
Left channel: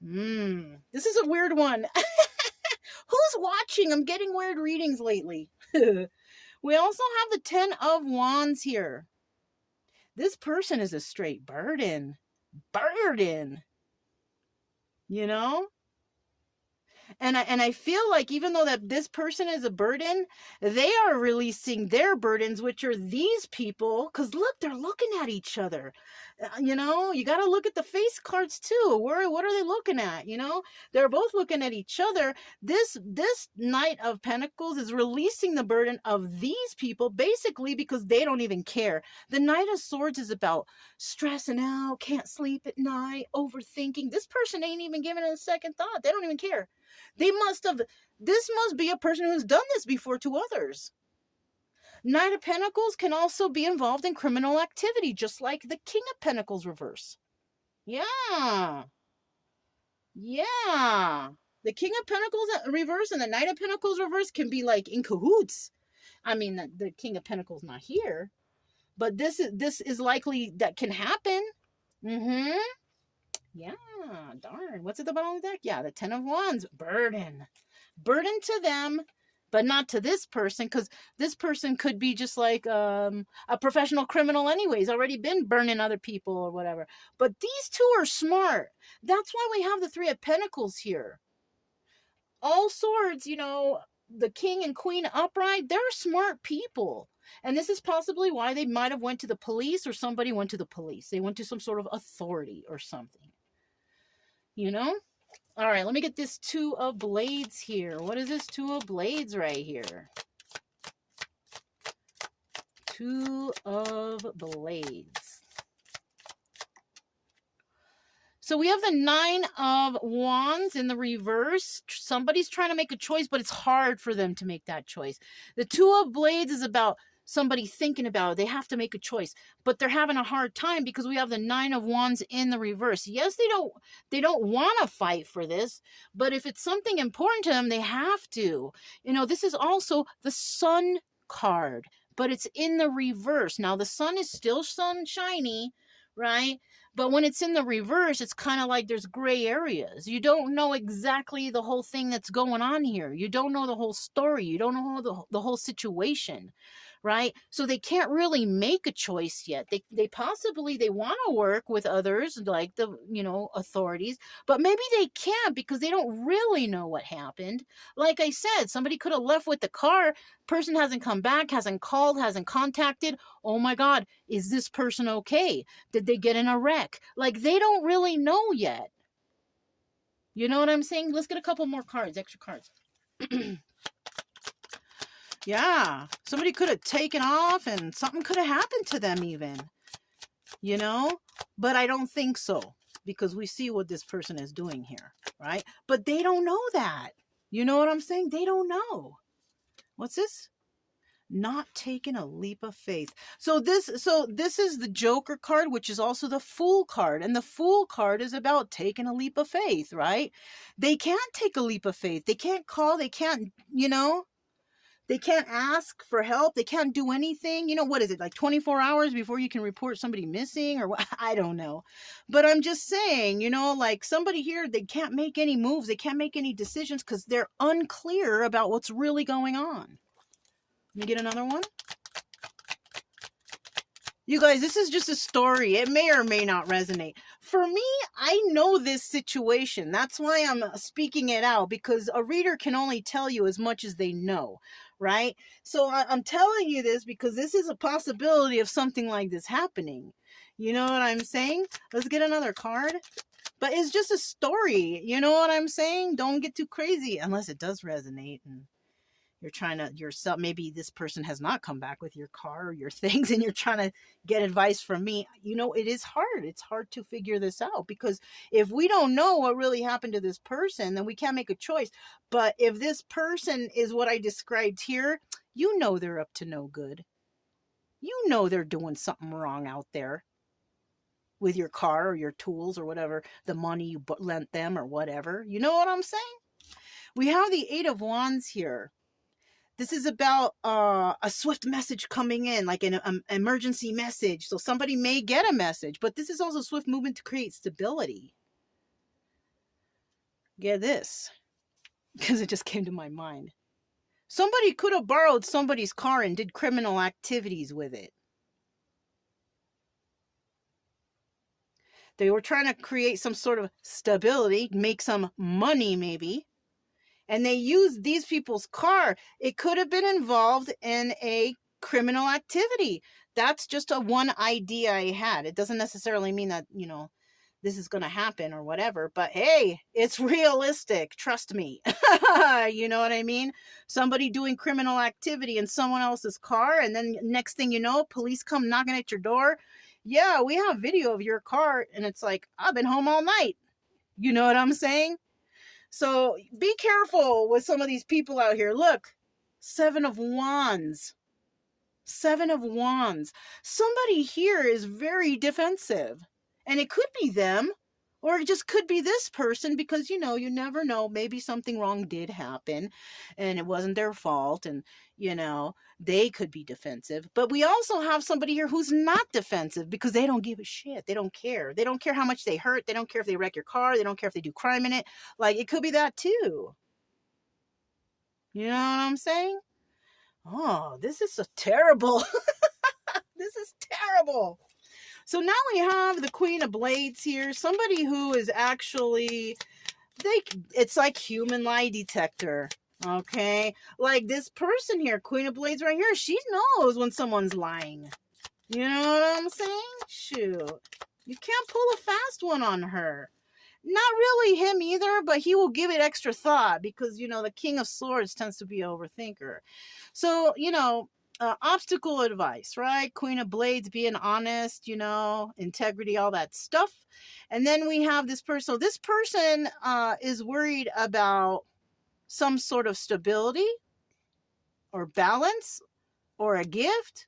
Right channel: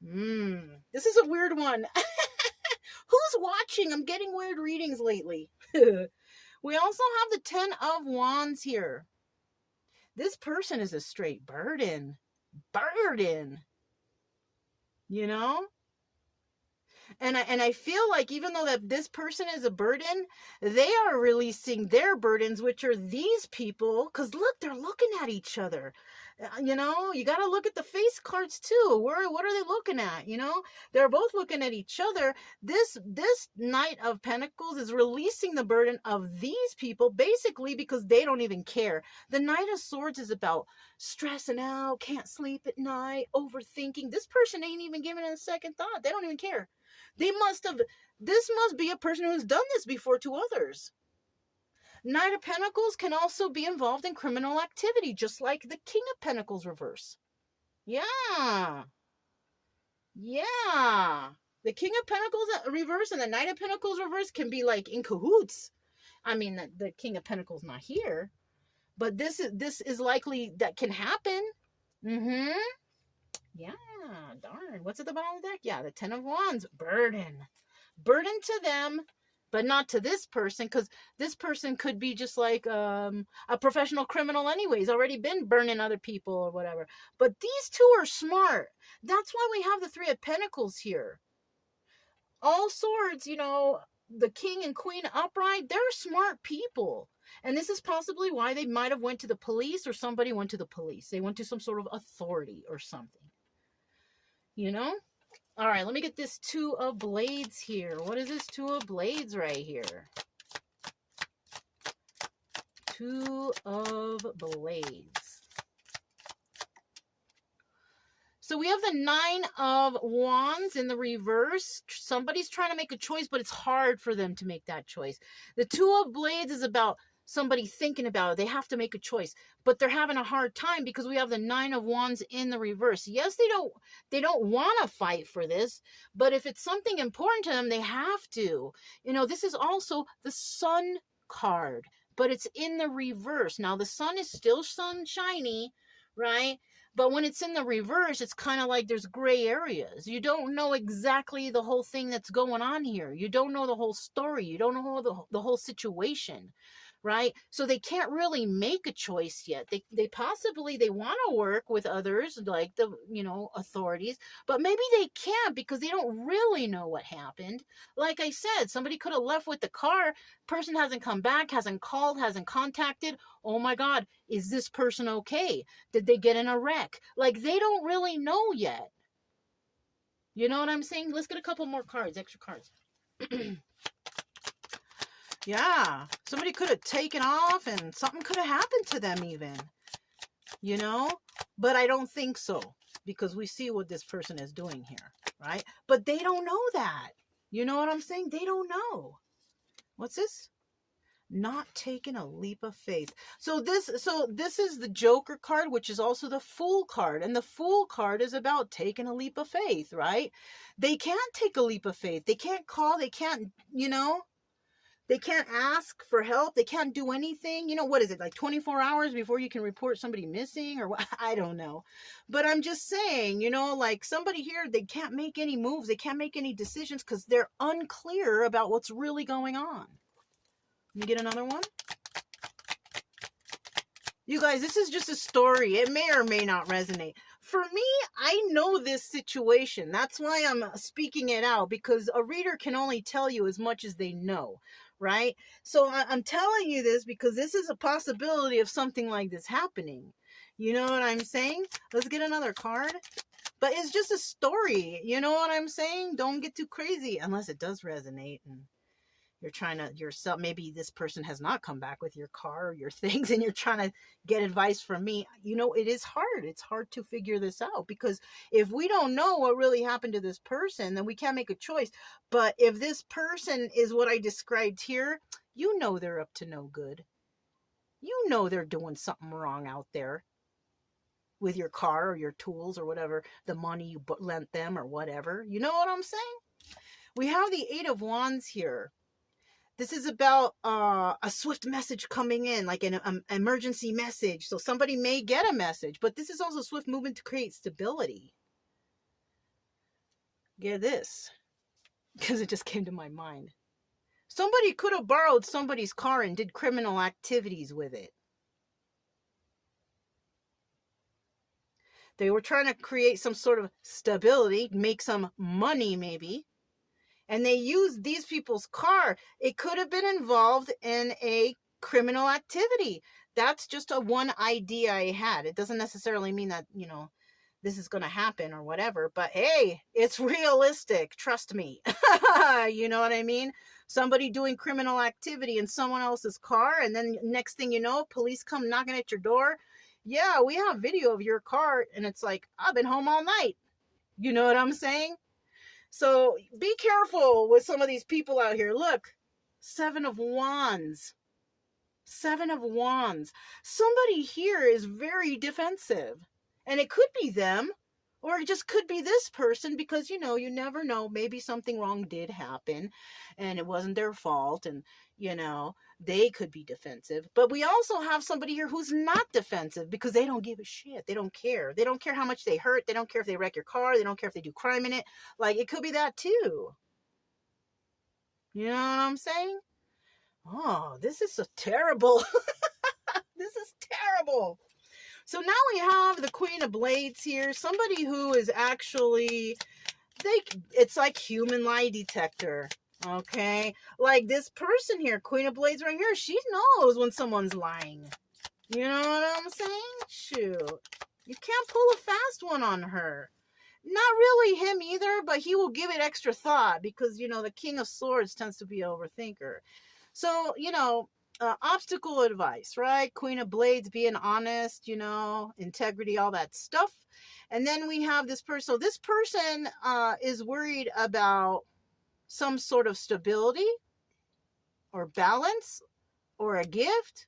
This is a weird one. Who's watching? I'm getting weird readings lately. We also have the 10 of Wands here. This person is a straight burden. You know? And I feel like even though that this person is a burden, they are releasing their burdens, which are these people. Because look, they're looking at each other. You know, you got to look at the face cards too. What are they looking at? You know, they're both looking at each other. This Knight of Pentacles is releasing the burden of these people basically because they don't even care. The Knight of Swords is about stressing out, can't sleep at night, overthinking. This person ain't even giving it a second thought. They don't even care. This must be a person who's done this before to others. Knight of Pentacles can also be involved in criminal activity, just like the King of Pentacles reverse. Yeah. The King of Pentacles reverse and the Knight of Pentacles reverse can be like in cahoots. I mean, the King of Pentacles not here, but this is likely that can happen. Yeah, darn. What's at the bottom of the deck? Yeah, the 10 of Wands. Burden to them, but not to this person, because this person could be just like a professional criminal anyways, already been burning other people or whatever. But these two are smart. That's why we have the 3 of Pentacles here. All swords, you know, the King and Queen upright, they're smart people. And this is possibly why they might have went to the police, or somebody went to the police. They went to some sort of authority or something. You know? All right, let me get this 2 of Blades here. What is this 2 of Blades right here? 2 of Blades. So we have the 9 of Wands in the reverse. Somebody's trying to make a choice, but it's hard for them to make that choice. The 2 of Blades is about somebody thinking about it. They have to make a choice, but they're having a hard time because we have the 9 of Wands in the reverse. Yes, they don't want to fight for this, but if it's something important to them, they have to. You know, this is also the Sun card, but it's in the reverse. Now the sun is still sunshiny, right? But when it's in the reverse, it's kind of like there's gray areas. You don't know exactly the whole thing that's going on here. You don't know the whole story. You don't know the whole situation, right? So they can't really make a choice yet. They possibly, they want to work with others, like the, you know, authorities, but maybe they can't because they don't really know what happened. Like I said, somebody could have left with the car. Person hasn't come back, hasn't called, hasn't contacted. Oh my God, is this person okay? Did they get in a wreck? Like, they don't really know yet. You know what I'm saying? Let's get a couple more cards, extra cards. Yeah, somebody could have taken off and something could have happened to them even, you know, but I don't think so because we see what this person is doing here, right? But they don't know that. You know what I'm saying? They don't know. What's this? Not taking a leap of faith. So this is the Joker card, which is also the Fool card. And the Fool card is about taking a leap of faith, right? They can't take a leap of faith. They can't call. They can't, you know, they can't ask for help. They can't do anything. You know, what is it, like 24 hours before you can report somebody missing or what? I don't know. But I'm just saying, you know, like somebody here, they can't make any moves. They can't make any decisions because they're unclear about what's really going on. Let me get another one. You guys, this is just a story. It may or may not resonate. For me, I know this situation. That's why I'm speaking it out, because a reader can only tell you as much as they know, right? So I'm telling you this because this is a possibility of something like this happening. You know what I'm saying? Let's get another card. But it's just a story. You know what I'm saying? Don't get too crazy unless it does resonate and you're trying to yourself. Maybe this person has not come back with your car or your things and you're trying to get advice from me. You know, it is hard. It's hard to figure this out because if we don't know what really happened to this person, then we can't make a choice. But if this person is what I described here, you know they're up to no good. You know they're doing something wrong out there with your car or your tools or whatever, the money you lent them or whatever. You know what I'm saying? We have the Eight of Wands here. This is about a swift message coming in, like an emergency message. So somebody may get a message, but this is also swift movement to create stability. Get this, because it just came to my mind. Somebody could have borrowed somebody's car and did criminal activities with it. They were trying to create some sort of stability, make some money maybe. And they used these people's car. It could have been involved in a criminal activity. That's just a one idea I had. It doesn't necessarily mean that, you know, this is going to happen or whatever. But hey, it's realistic. Trust me. You know what I mean? Somebody doing criminal activity in someone else's car. And then next thing you know, police come knocking at your door. Yeah, we have video of your car. And it's like, I've been home all night. You know what I'm saying? So be careful with some of these people out here. Look, Seven of Wands. Seven of Wands. Somebody here is very defensive. And it could be them, or it just could be this person because, you know, you never know. Maybe something wrong did happen and it wasn't their fault. And, you know, they could be defensive. But we also have somebody here who's not defensive because they don't give a shit. They don't care. They don't care how much they hurt. They don't care if they wreck your car. They don't care if they do crime in it. Like, it could be that too. You know what I'm saying? Oh, this is so terrible. This is terrible. So now we have the Queen of Blades here. Somebody who is actually, it's like human lie detector. Okay. Like this person here, Queen of Blades right here, she knows when someone's lying. You know what I'm saying? Shoot. You can't pull a fast one on her. Not really him either, but he will give it extra thought because, you know, the King of Swords tends to be an overthinker. So, you know, obstacle advice, right? Queen of Blades, being honest, you know, integrity, all that stuff. And then we have this person. So this person is worried about some sort of stability or balance or a gift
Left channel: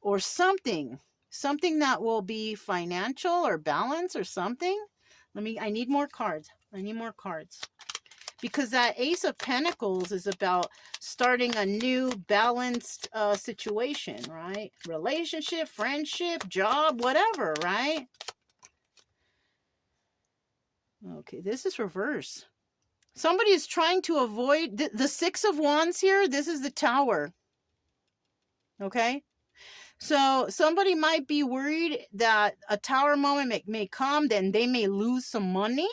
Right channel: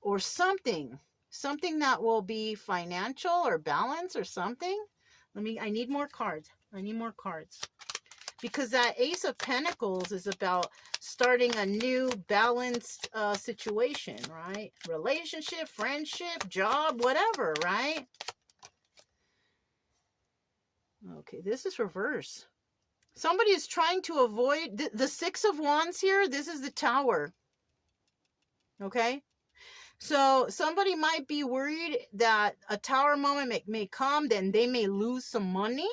or something that will be financial or balance or something. I need more cards. Because that Ace of Pentacles is about starting a new balanced situation, right? Relationship, friendship, job, whatever, right? Okay, this is reverse. Somebody is trying to avoid the Six of Wands here. This is the Tower. Okay? So somebody might be worried that a Tower moment may come, then they may lose some money.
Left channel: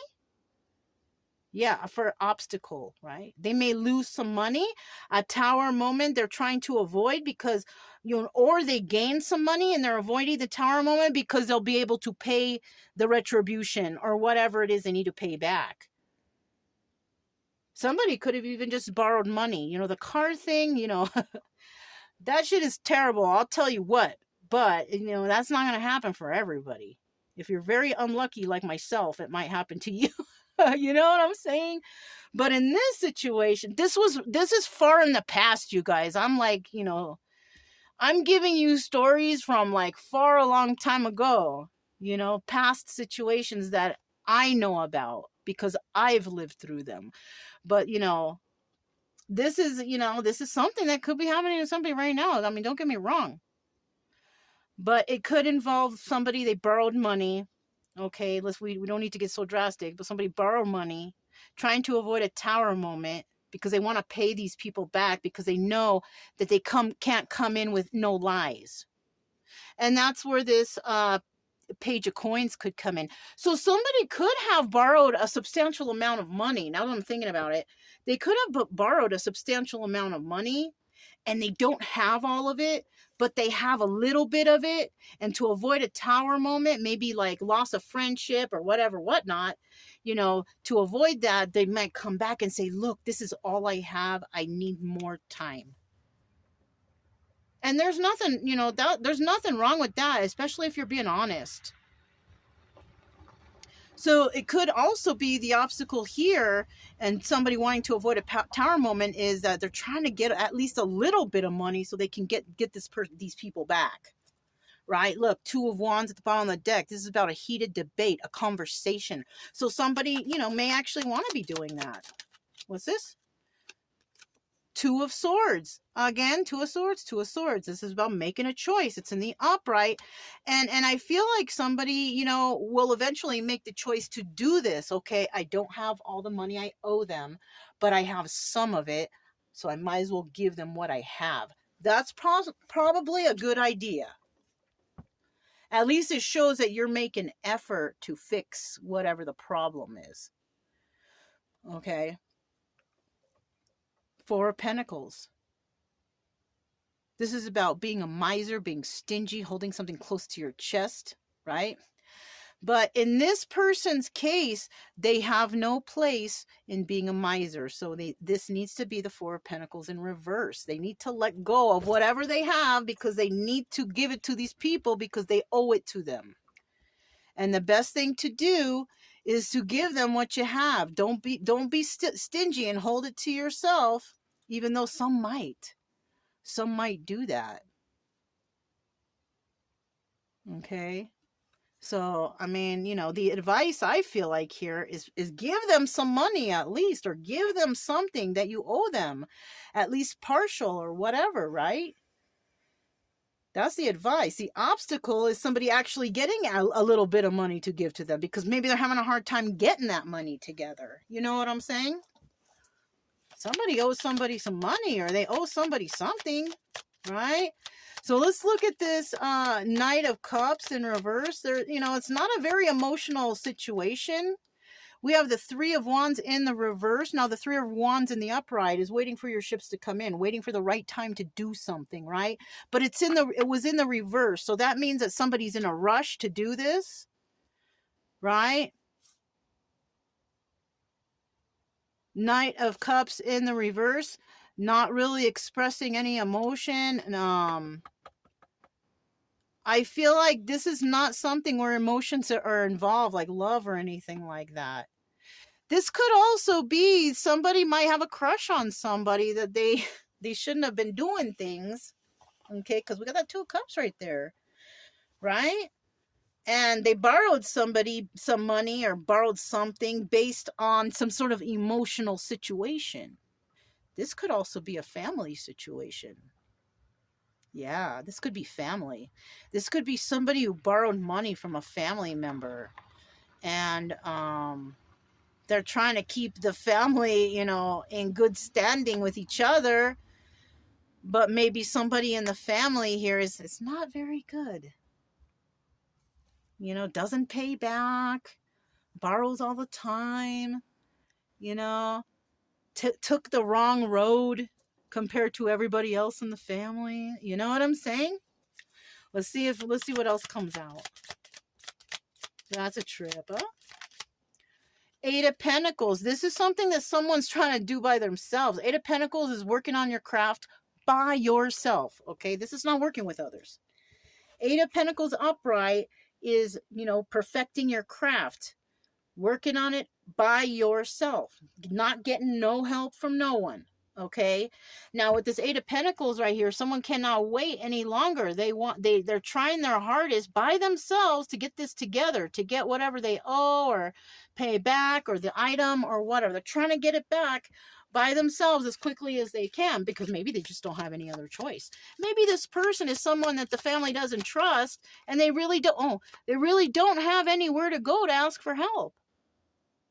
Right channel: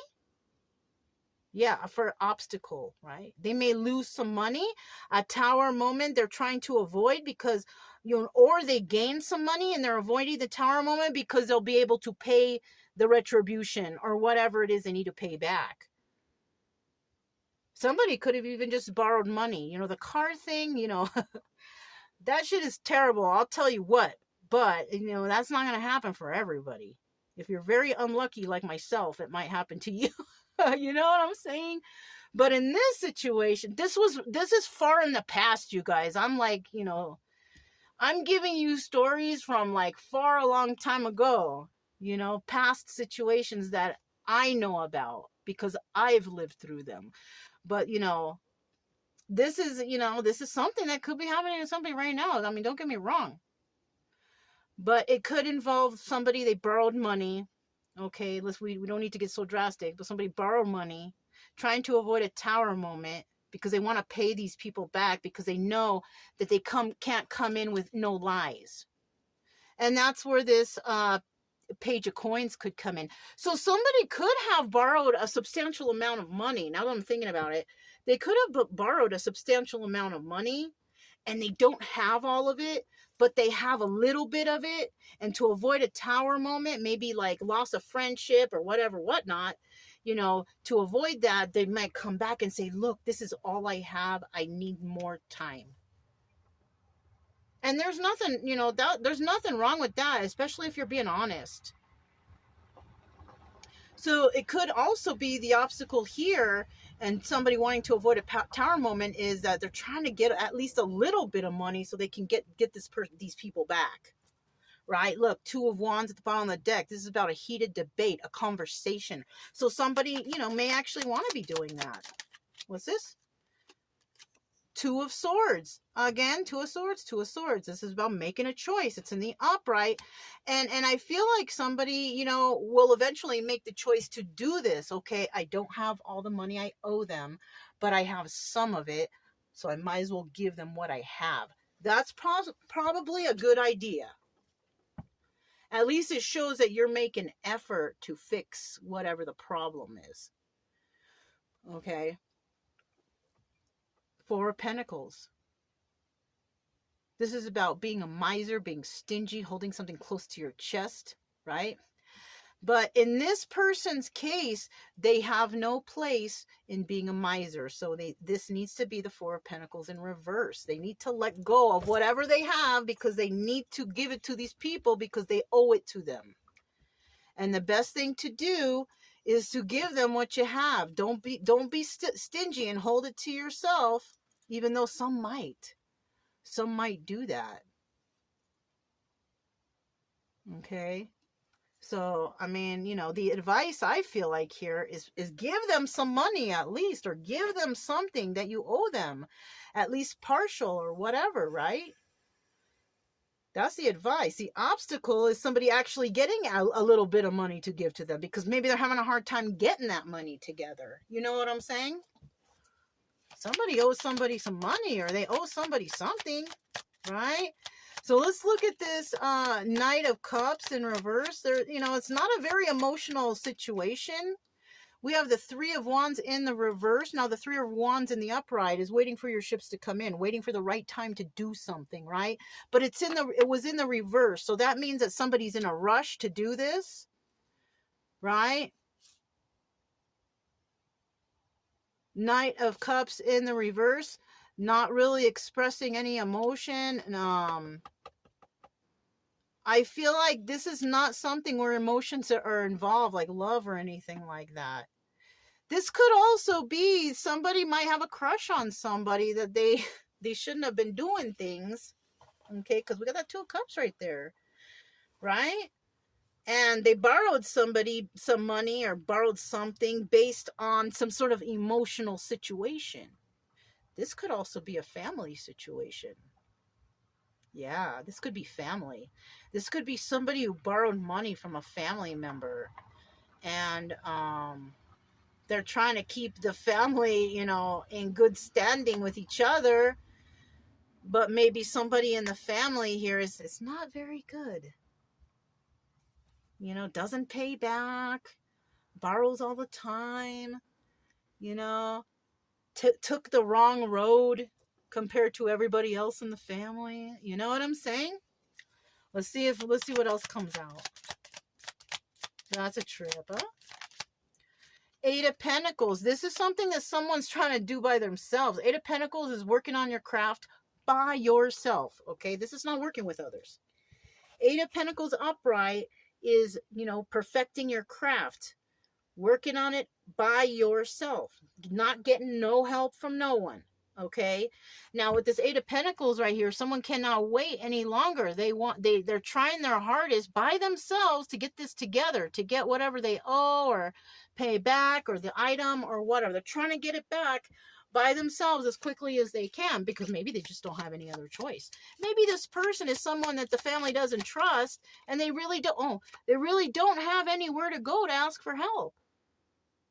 Yeah, for obstacle, right? They may lose some money. A Tower moment they're trying to avoid because, you know, or they gain some money and they're avoiding the Tower moment because they'll be able to pay the retribution or whatever it is they need to pay back. Somebody could have even just borrowed money. You know, the car thing, you know, that shit is terrible. I'll tell you what. But, you know, that's not going to happen for everybody. If you're very unlucky like myself, it might happen to you. You know what I'm saying? But in this situation, this is far in the past, you guys. I'm like, you know, I'm giving you stories from like far a long time ago, you know, past situations that I know about because I've lived through them. But, you know, this is something that could be happening to somebody right now. I mean, don't get me wrong. But it could involve somebody, they borrowed money. Okay, we don't need to get so drastic, but somebody borrowed money, trying to avoid a Tower moment because they want to pay these people back because they know that they can't come in with no lies. And that's where this Page of Coins could come in. So somebody could have borrowed a substantial amount of money. Now that I'm thinking about it, they could have borrowed a substantial amount of money and they don't have all of it, but they have a little bit of it. And to avoid a tower moment, maybe like loss of friendship or whatever, whatnot, to avoid that, they might come back and say, look, this is all I have. I need more time. And there's nothing, there's nothing wrong with that, especially if you're being honest. So it could also be the obstacle here, and somebody wanting to avoid a tower moment, is that they're trying to get at least a little bit of money so they can get these people back. Right? Look, 2 of Wands at the bottom of the deck. This is about a heated debate, a conversation. So somebody, may actually want to be doing that. What's this? 2 of Swords. Again, 2 of Swords, 2 of Swords. This is about making a choice. It's in the upright. And I feel like somebody, will eventually make the choice to do this. Okay, I don't have all the money I owe them, but I have some of it, so I might as well give them what I have. That's probably a good idea. At least it shows that you're making effort to fix whatever the problem is. Okay. 4 of Pentacles. This is about being a miser, being stingy, holding something close to your chest, right? But in this person's case, they have no place in being a miser. So this needs to be the 4 of Pentacles in reverse. They need to let go of whatever they have because they need to give it to these people because they owe it to them. And the best thing to do is to give them what you have. Don't be stingy and hold it to yourself, even though some might do that. Okay. So, I mean, the advice I feel like here is give them some money at least, or give them something that you owe them, at least partial or whatever, right? That's the advice. The obstacle is somebody actually getting a little bit of money to give to them because maybe they're having a hard time getting that money together. You know what I'm saying? Somebody owes somebody some money, or they owe somebody something, right? So let's look at this Knight of Cups in reverse. There, it's not a very emotional situation. We have the 3 of Wands in the reverse. Now the 3 of Wands in the upright is waiting for your ships to come in, waiting for the right time to do something, right? But it was in the reverse. So that means that somebody's in a rush to do this, right? Knight of Cups in the reverse, not really expressing any emotion. I feel like this is not something where emotions are involved, like love or anything like that. This could also be somebody might have a crush on somebody that they shouldn't have been doing things. Okay, because we got that 2 of Cups right there, right? And they borrowed somebody some money or borrowed something based on some sort of emotional situation. This could also be a family situation. Yeah, this could be family. This could be somebody who borrowed money from a family member. And they're trying to keep the family, in good standing with each other. But maybe somebody in the family here is not very good. Doesn't pay back, borrows all the time, took the wrong road compared to everybody else in the family. You know what I'm saying? Let's see what else comes out. That's a trip, huh? 8 of Pentacles. This is something that someone's trying to do by themselves. 8 of Pentacles is working on your craft by yourself, okay? This is not working with others. 8 of Pentacles upright is, perfecting your craft, working on it by yourself, not getting no help from no one. Okay. Now with this 8 of Pentacles right here, someone cannot wait any longer. They're trying their hardest by themselves to get this together, to get whatever they owe or pay back, or the item or whatever. They're trying to get it back by themselves as quickly as they can, because maybe they just don't have any other choice. Maybe this person is someone that the family doesn't trust, and they really don't have anywhere to go to ask for help.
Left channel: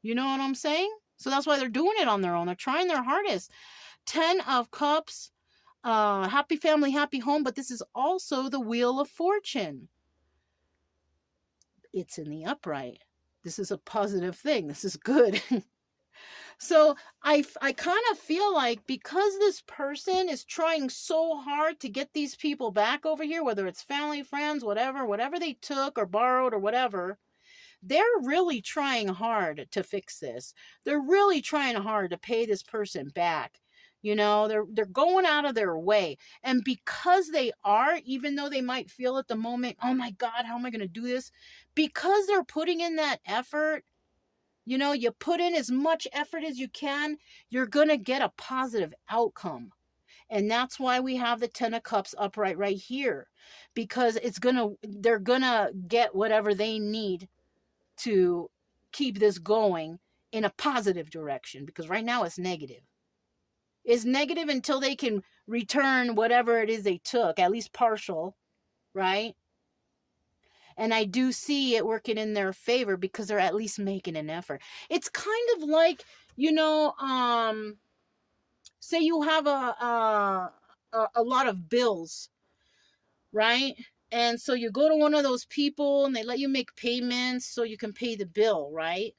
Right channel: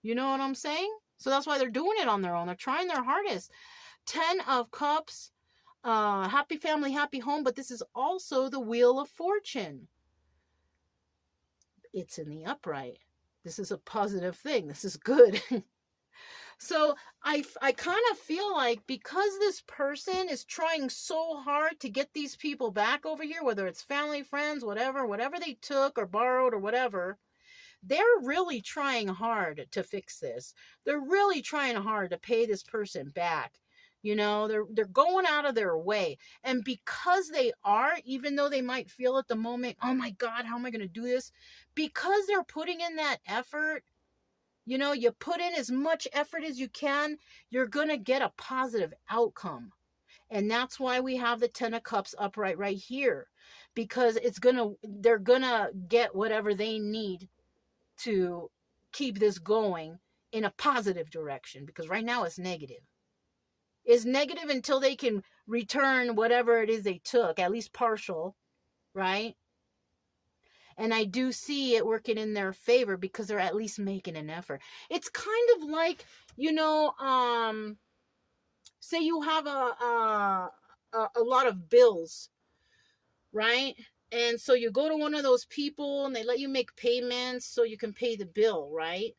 You know what I'm saying? So that's why they're doing it on their own. They're trying their hardest. 10 of Cups, happy family, happy home, but this is also the Wheel of Fortune. It's in the upright. This is a positive thing. This is good. So I kind of feel like because this person is trying so hard to get these people back over here, whether it's family, friends, whatever they took or borrowed or whatever, they're really trying hard to fix this. They're really trying hard to pay this person back. You know, they're going out of their way. And because they are, even though they might feel at the moment, oh my God, how am I going to do this? Because they're putting in that effort, you know, you put in as much effort as you can, you're going to get a positive outcome. And that's why we have the 10 of cups upright right here, because they're going to get whatever they need to keep this going in a positive direction, because right now it's negative. It's negative until they can return whatever it is they took, at least partial, right? And I do see it working in their favor because they're at least making an effort. It's kind of like, you know, say you have a lot of bills, right? And so you go to one of those people and they let you make payments so you can pay the bill, right?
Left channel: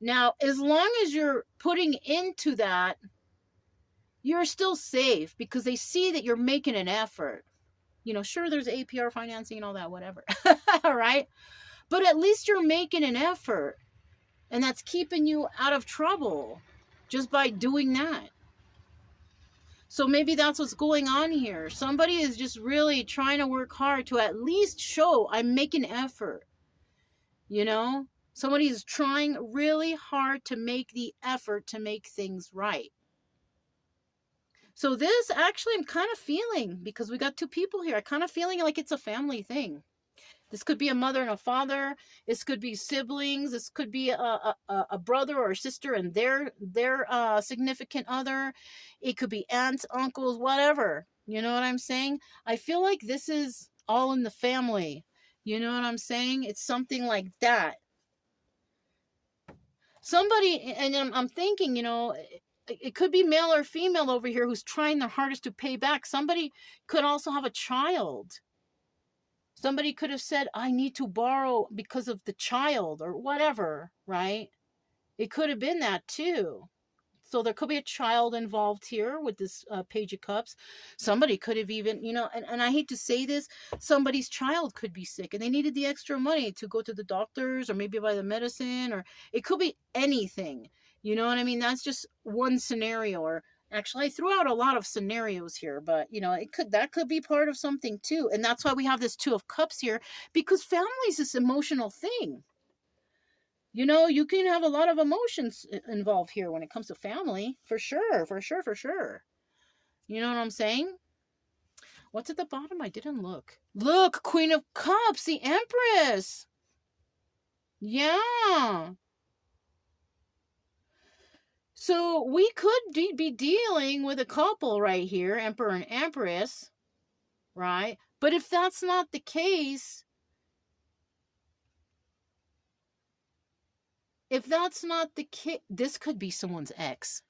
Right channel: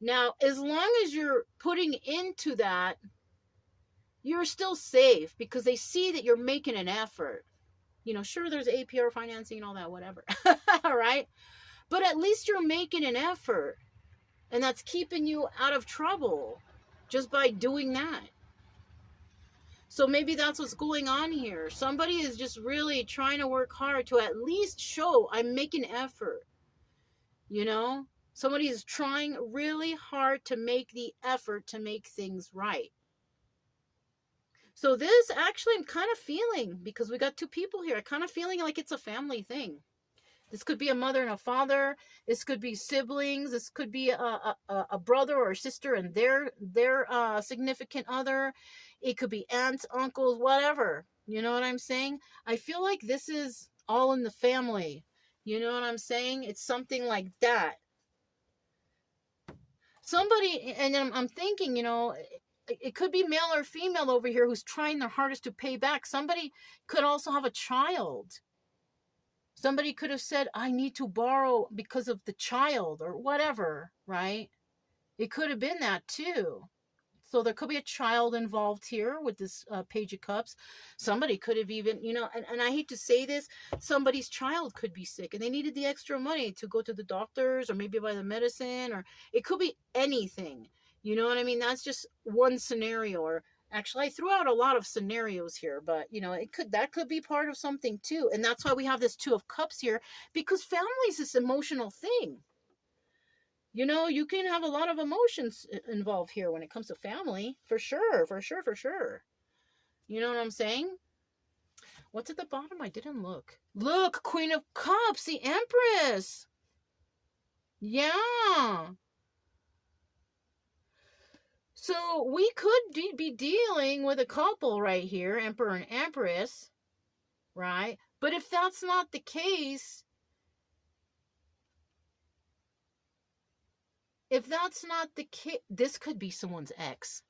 Now, as long as you're putting into that, you're still safe because they see that you're making an effort. You know, sure, there's APR financing and all that, whatever. All right. But at least you're making an effort. And that's keeping you out of trouble just by doing that. So maybe that's what's going on here. Somebody is just really trying to work hard to at least show I'm making effort. You know, somebody is trying really hard to make the effort to make things right. So this actually I'm kind of feeling, because we got two people here, I kind of feeling like it's a family thing. This could be a mother and a father. This could be siblings. This could be a brother or a sister and their significant other. It could be aunts, uncles, whatever. You know what I'm saying? I feel like this is all in the family. You know what I'm saying? It's something like that. Somebody, and I'm thinking, you know, it could be male or female over here who's trying their hardest to pay back. Somebody could also have a child. Somebody could have said, I need to borrow because of the child or whatever, right? It could have been that too. So there could be a child involved here with this Page of Cups. Somebody could have even, you know, and I hate to say this, somebody's child could be sick and they needed the extra money to go to the doctors or maybe buy the medicine, or it could be anything. You know what I mean? That's just one scenario. Or actually, I threw out a lot of scenarios here, but you know, that could be part of something too. And that's why we have this Two of Cups here, because family is this emotional thing. You know, you can have a lot of emotions involved here when it comes to family, for sure, for sure, for sure. You know what I'm saying? What's at the bottom? I didn't look. Look, Queen of Cups, the Empress. Yeah. So we could be dealing with a couple right here, Emperor and Empress, right? But if that's not the case, this could be someone's ex.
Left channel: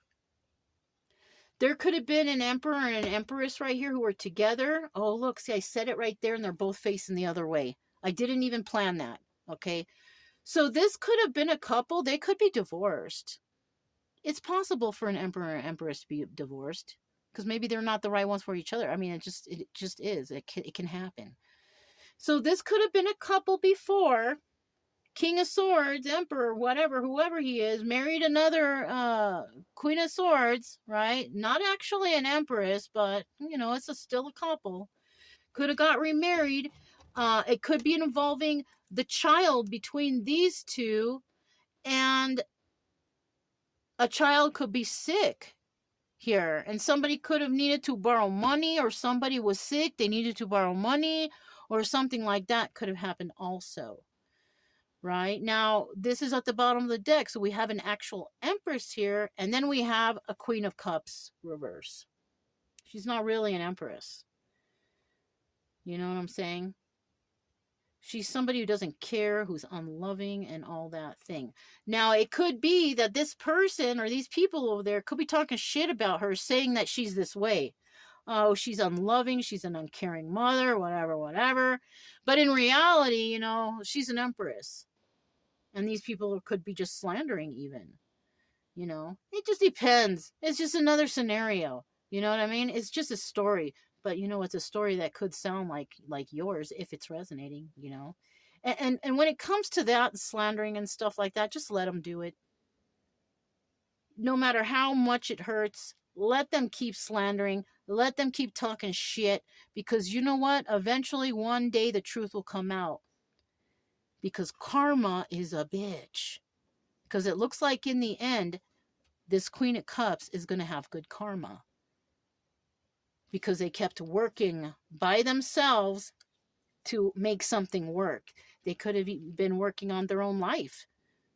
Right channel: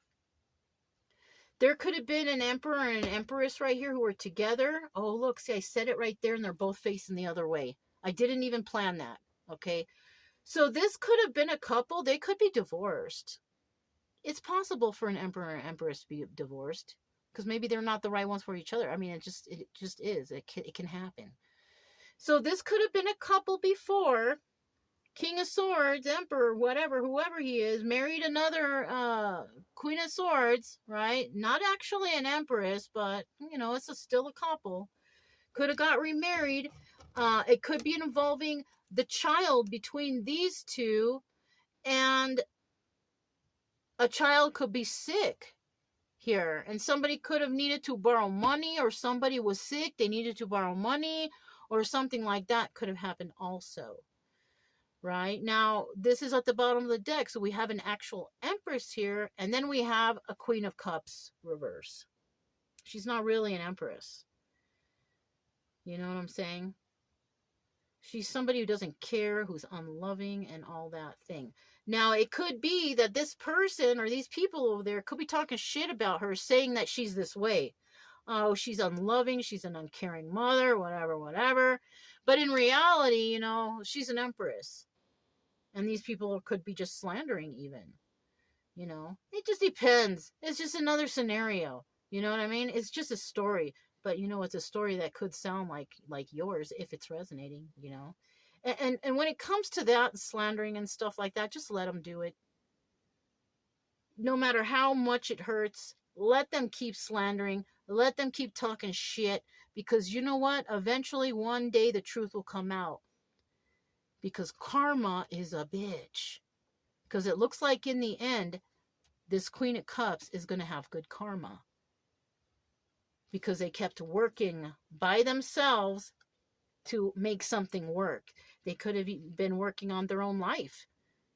There could have been an emperor and an empress right here who were together. Oh, look, see, I said it right there, and they're both facing the other way. I didn't even plan that, okay? So this could have been a couple. They could be divorced. It's possible for an emperor and empress to be divorced because maybe they're not the right ones for each other. I mean, it just is. It can happen. So this could have been a couple before. King of Swords, Emperor, whatever, whoever he is, married another Queen of Swords, right? Not actually an Empress, but, you know, it's still a couple. Could have got remarried. It could be involving the child between these two, and a child could be sick here, and somebody could have needed to borrow money, or somebody was sick, they needed to borrow money, or something like that could have happened also. Right now, this is at the bottom of the deck, so we have an actual Empress here, and then we have a Queen of Cups reverse. She's not really an Empress. You know what I'm saying? She's somebody who doesn't care, who's unloving, and all that thing. Now, it could be that this person or these people over there could be talking shit about her, saying that she's this way. Oh, she's unloving, she's an uncaring mother, whatever. But in reality, you know, she's an Empress. And these people could be just slandering even. You know, it just depends. It's just another scenario. You know what I mean? It's just a story, but you know, it's a story that could sound like yours if it's resonating. You know, and when it comes to that slandering and stuff like that, just let them do it. No matter how much it hurts, let them keep slandering. Let them keep talking shit, because you know what? Eventually, one day, the truth will come out. Because karma is a bitch. Because it looks like in the end, this Queen of Cups is going to have good karma. Because they kept working by themselves to make something work. They could have been working on their own life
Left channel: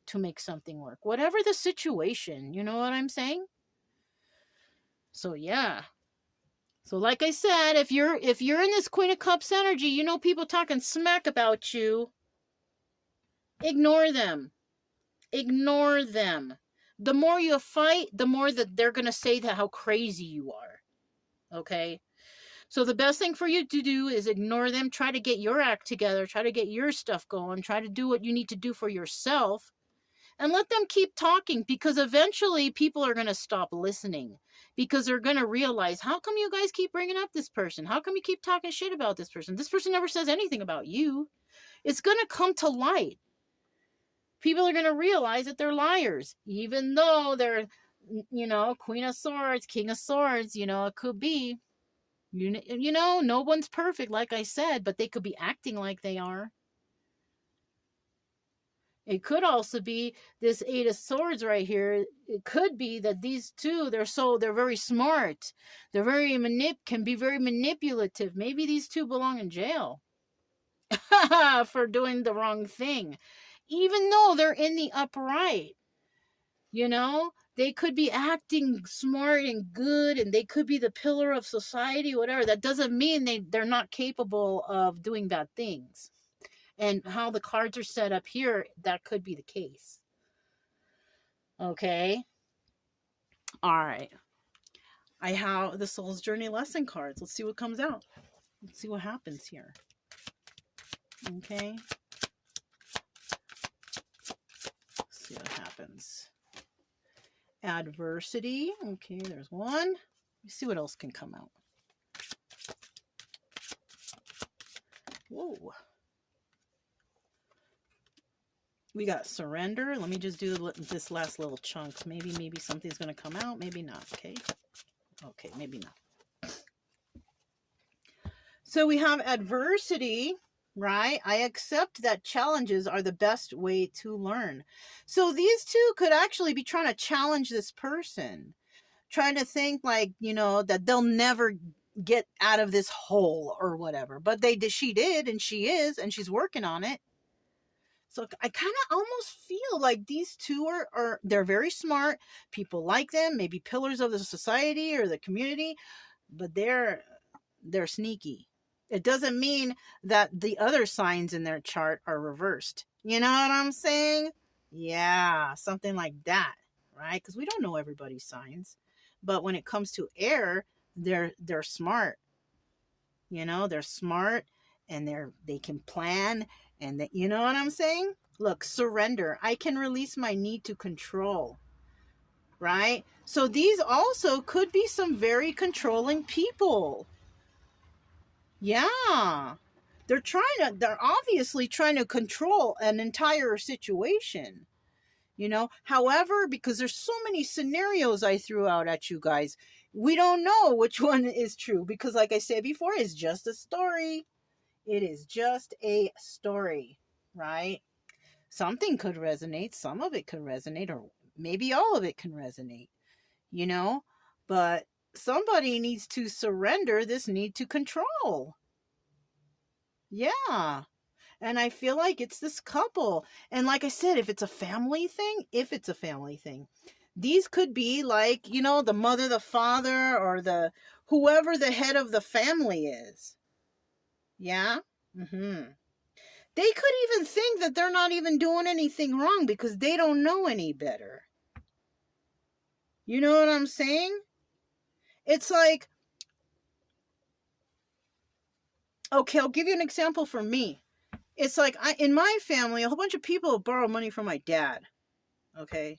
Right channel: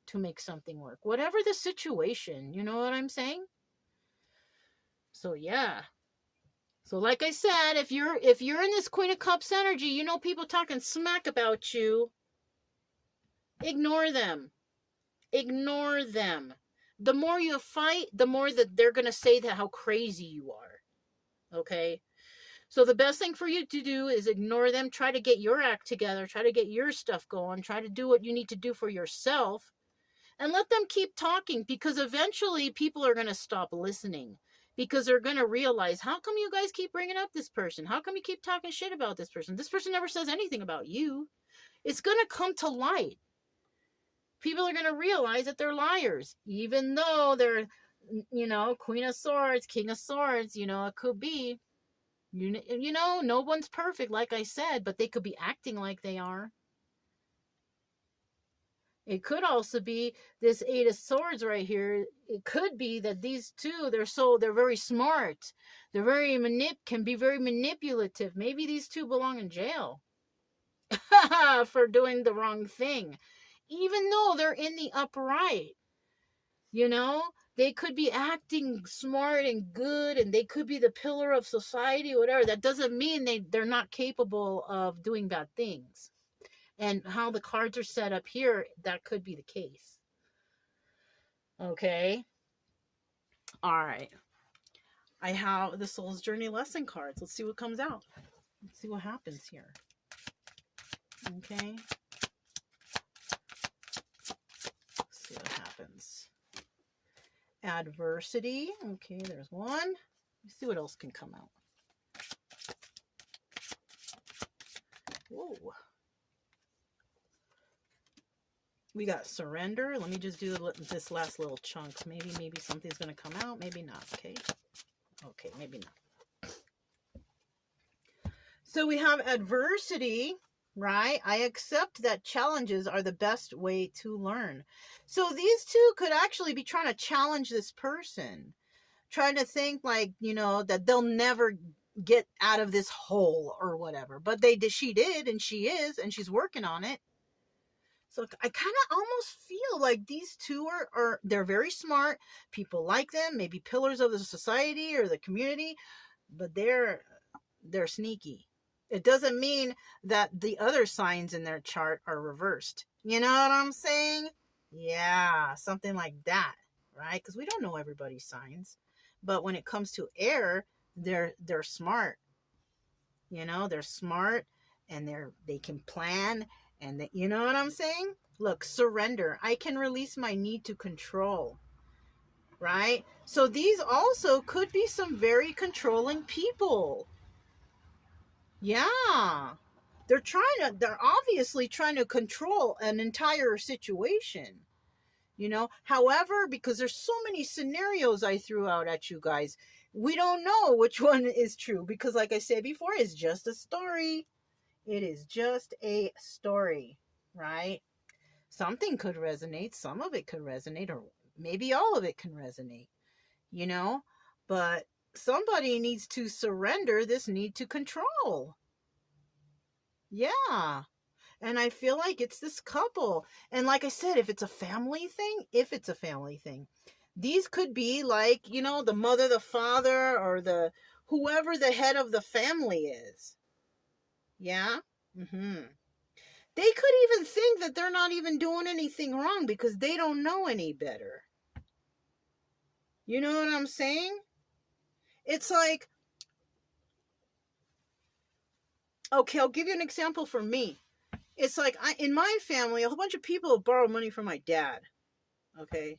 to make something work. Whatever the situation, you know what I'm saying? So yeah. So like I said, if you're in this Queen of Cups energy, you know people talking smack about you, ignore them. Ignore them. The more you fight, the more that they're going to say that how crazy you are. Okay? So the best thing for you to do is ignore them. Try to get your act together. Try to get your stuff going. Try to do what you need to do for yourself. And let them keep talking, because eventually people are going to stop listening, because they're going to realize, how come you guys keep bringing up this person? How come you keep talking shit about this person? This person never says anything about you. It's going to come to light. People are going to realize that they're liars, even though they're, you know, Queen of Swords, King of Swords, you know, it could be, you know, no one's perfect, like I said, but they could be acting like they are. It could also be this Eight of Swords right here. It could be that these two, they're very smart. They're can be very manipulative. Maybe these two belong in jail for doing the wrong thing, even though they're in the upright. You know, they could be acting smart and good, and they could be the pillar of society, whatever. That doesn't mean they're not capable of doing bad things. And how the cards are set up here, that could be the case. Okay. All right. I have the Soul's Journey lesson cards. Let's see what comes out. Let's see what happens here. Okay. Let's see what happens. Adversity. Okay, there's one. Let's see what else can come out. Whoa. We got surrender. Let me just do this last little chunk. Maybe something's going to come out. Maybe not. Okay. Okay, maybe not. So we have adversity, right? I accept that challenges are the best way to learn. So these two could actually be trying to challenge this person. Trying to think like, you know, that they'll never get out of this hole or whatever. But she did, and she is, and she's working on it. So I kind of almost feel like these two they're very smart. People like them, maybe pillars of the society or the community, but they're sneaky. It doesn't mean that the other signs in their chart are reversed. You know what I'm saying? Yeah, something like that, right? Because we don't know everybody's signs. But when it comes to air, they're smart. You know, they're smart, and they can plan. And you know what I'm saying? Look, surrender. I can release my need to control. Right? So these also could be some very controlling people. Yeah. They're obviously trying to control an entire situation. You know, however, because there's so many scenarios I threw out at you guys, we don't know which one is true, because like I said before, it's just a story. It is just a story, right? Something could resonate. Some of it could resonate, or maybe all of it can resonate, you know? But somebody needs to surrender this need to control. Yeah. And I feel like it's this couple. And like I said, if it's a family thing, these could be like, you know, the mother, the father, or whoever the head of the family is. Yeah. Mm-hmm. They could even think that they're not even doing anything wrong because they don't know any better. You know what I'm saying? It's like, okay, I'll give you an example for me. It's like, in my family, a whole bunch of people borrow money from my dad. Okay?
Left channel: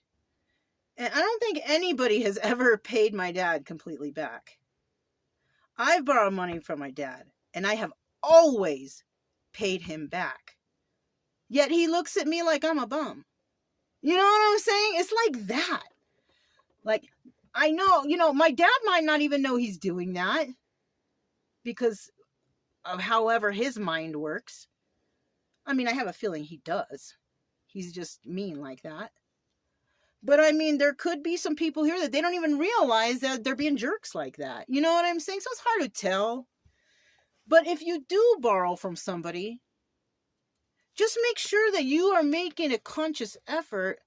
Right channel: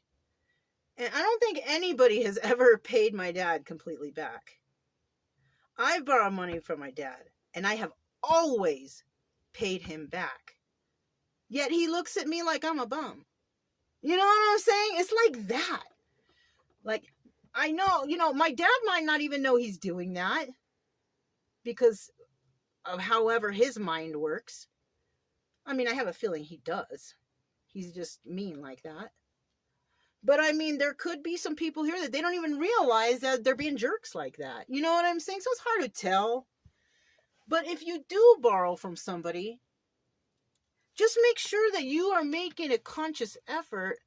And I don't think anybody has ever paid my dad completely back. I've borrowed money from my dad, and I have always paid him back. Yet he looks at me like I'm a bum. You know what I'm saying? It's like that. Like, I know, my dad might not even know he's doing that because of however his mind works. I mean, I have a feeling he does. He's just mean like that. But I mean, there could be some people here that they don't even realize that they're being jerks like that. You know what I'm saying? So it's hard to tell. But if you do borrow from somebody, just make sure that you are making a conscious effort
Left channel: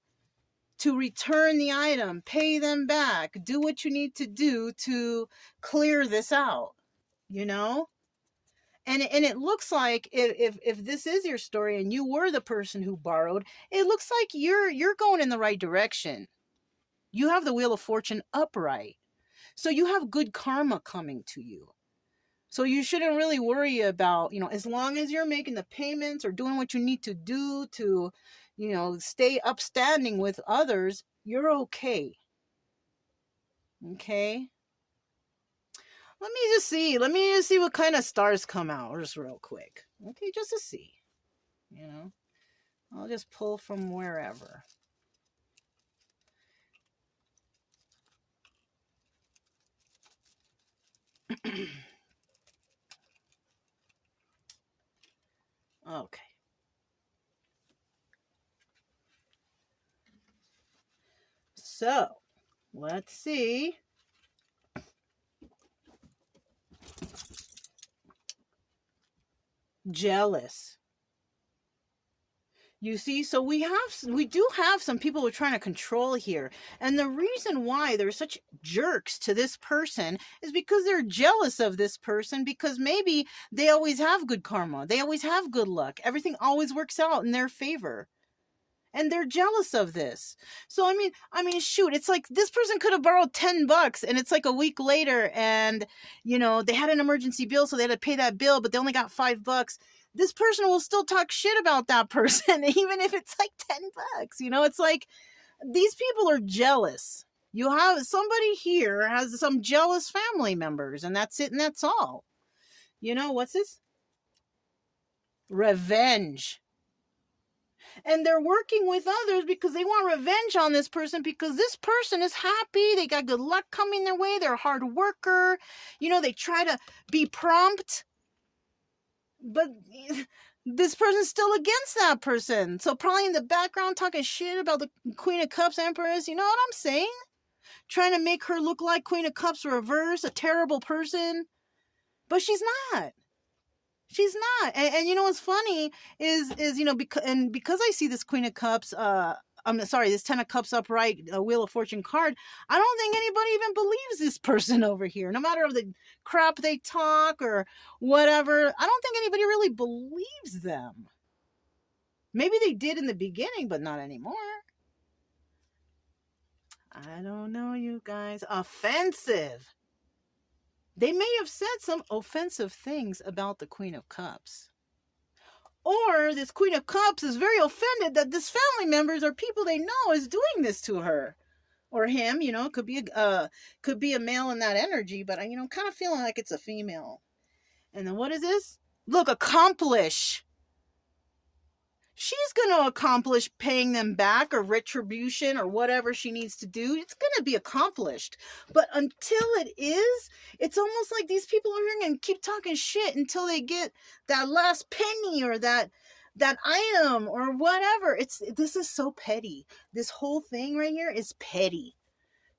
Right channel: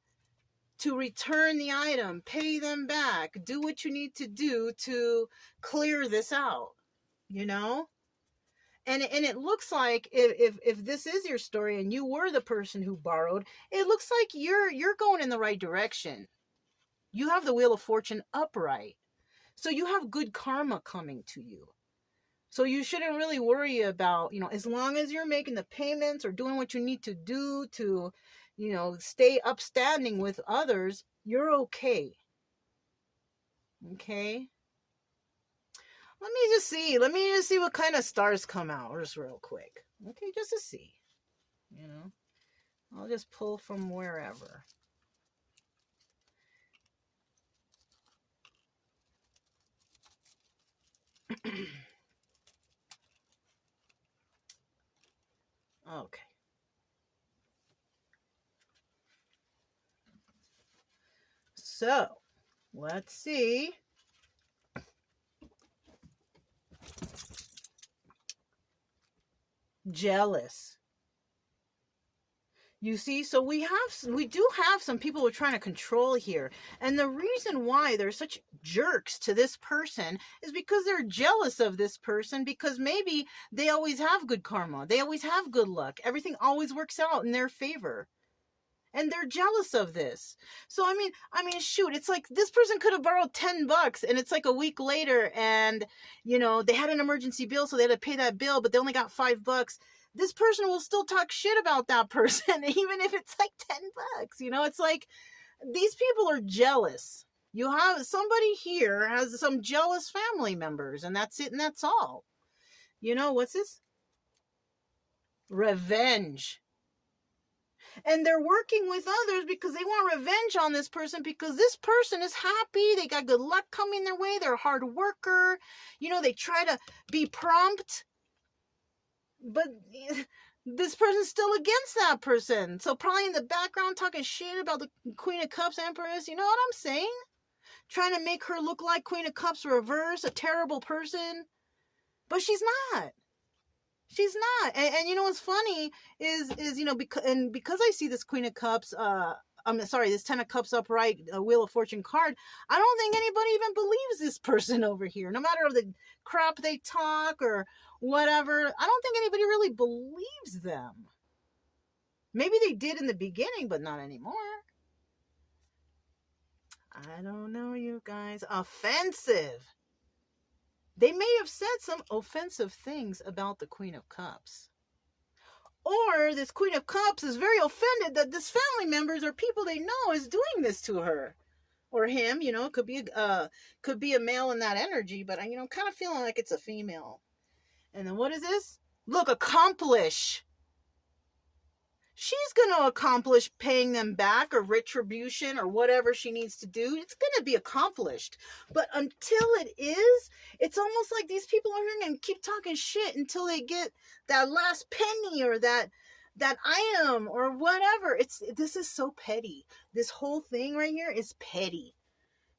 to return the item, pay them back, do what you need to do to clear this out, you know? And it looks like if this is your story and you were the person who borrowed, it looks like you're going in the right direction. You have the Wheel of Fortune upright. So you have good karma coming to you. So you shouldn't really worry about, as long as you're making the payments or doing what you need to do to, stay upstanding with others, you're okay. Okay? Let me just see what kind of stars come out just real quick. Okay, just to see. I'll just pull from wherever. Okay. So, let's see. Jealous. You see, so we do have some people who are trying to control here. And the reason why they're such jerks to this person is because they're jealous of this person, because maybe they always have good karma. They always have good luck. Everything always works out in their favor. And they're jealous of this. So, I mean, shoot, it's like this person could have borrowed $10 and it's like a week later and, they had an emergency bill, so they had to pay that bill, but they only got $5. This person will still talk shit about that person, even if it's like $10. It's like these people are jealous. You have somebody here has some jealous family members, and that's it, and that's all. What's this? Revenge. And they're working with others because they want revenge on this person, because this person is happy. They got good luck coming their way. They're a hard worker. They try to be prompt. But this person's still against that person. So probably in the background talking shit about the Queen of Cups Empress. You know what I'm saying? Trying to make her look like Queen of Cups reverse, a terrible person. But she's not. She's not. And what's funny is because I see this Queen of Cups, this 10 of Cups upright Wheel of Fortune card, I don't think anybody even believes this person over here. No matter the crap they talk or whatever, I don't think anybody really believes them. Maybe they did in the beginning, but not anymore. I don't know, you guys. Offensive. They may have said some offensive things about the Queen of Cups. Or this Queen of Cups is very offended that this family members or people they know is doing this to her. Or him, could be a male in that energy, but I'm kind of feeling like it's a female. And then what is this? Look, accomplish. She's going to accomplish paying them back or retribution or whatever she needs to do. It's going to be accomplished. But until it is, it's almost like these people are here and keep talking shit until they get that last penny or that item or whatever. This is so petty. This whole thing right here is petty.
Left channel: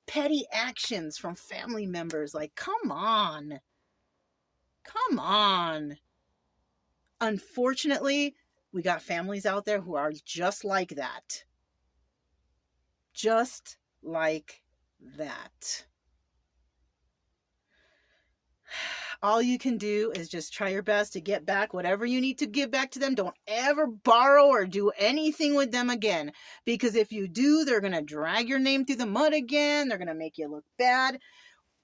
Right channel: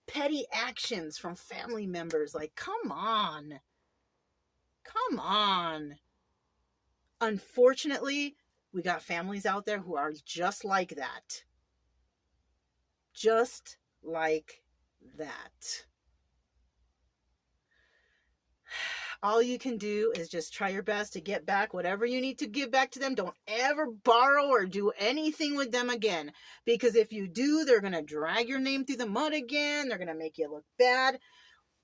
Petty actions from family members. Like, come on. Come on. Unfortunately, we got families out there who are just like that. Just like that. All you can do is just try your best to get back whatever you need to give back to them. Don't ever borrow or do anything with them again. Because if you do, they're going to drag your name through the mud again. They're going to make you look bad.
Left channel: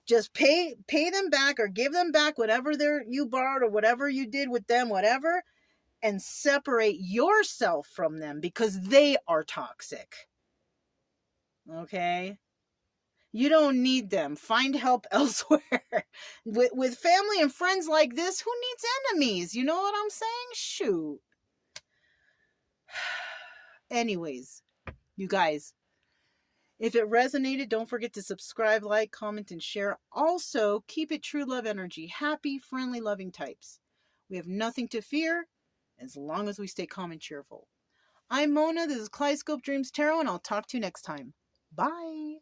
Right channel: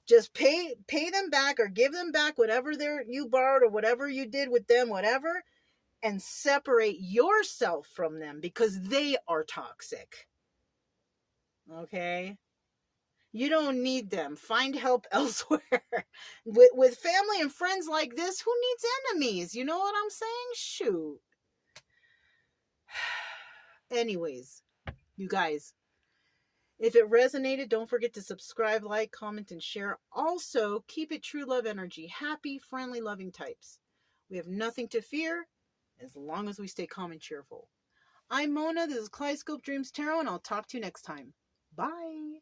Just pay them back or give them back whatever you borrowed or whatever you did with them, whatever. And separate yourself from them because they are toxic. Okay? You don't need them. Find help elsewhere. With family and friends like this, who needs enemies? You know what I'm saying? Shoot. Anyways, you guys, if it resonated, don't forget to subscribe, like, comment, and share. Also, keep it true love energy. Happy, friendly, loving types. We have nothing to fear as long as we stay calm and cheerful. I'm Mona. This is Kaleidoscope Dreams Tarot, and I'll talk to you next time. Bye.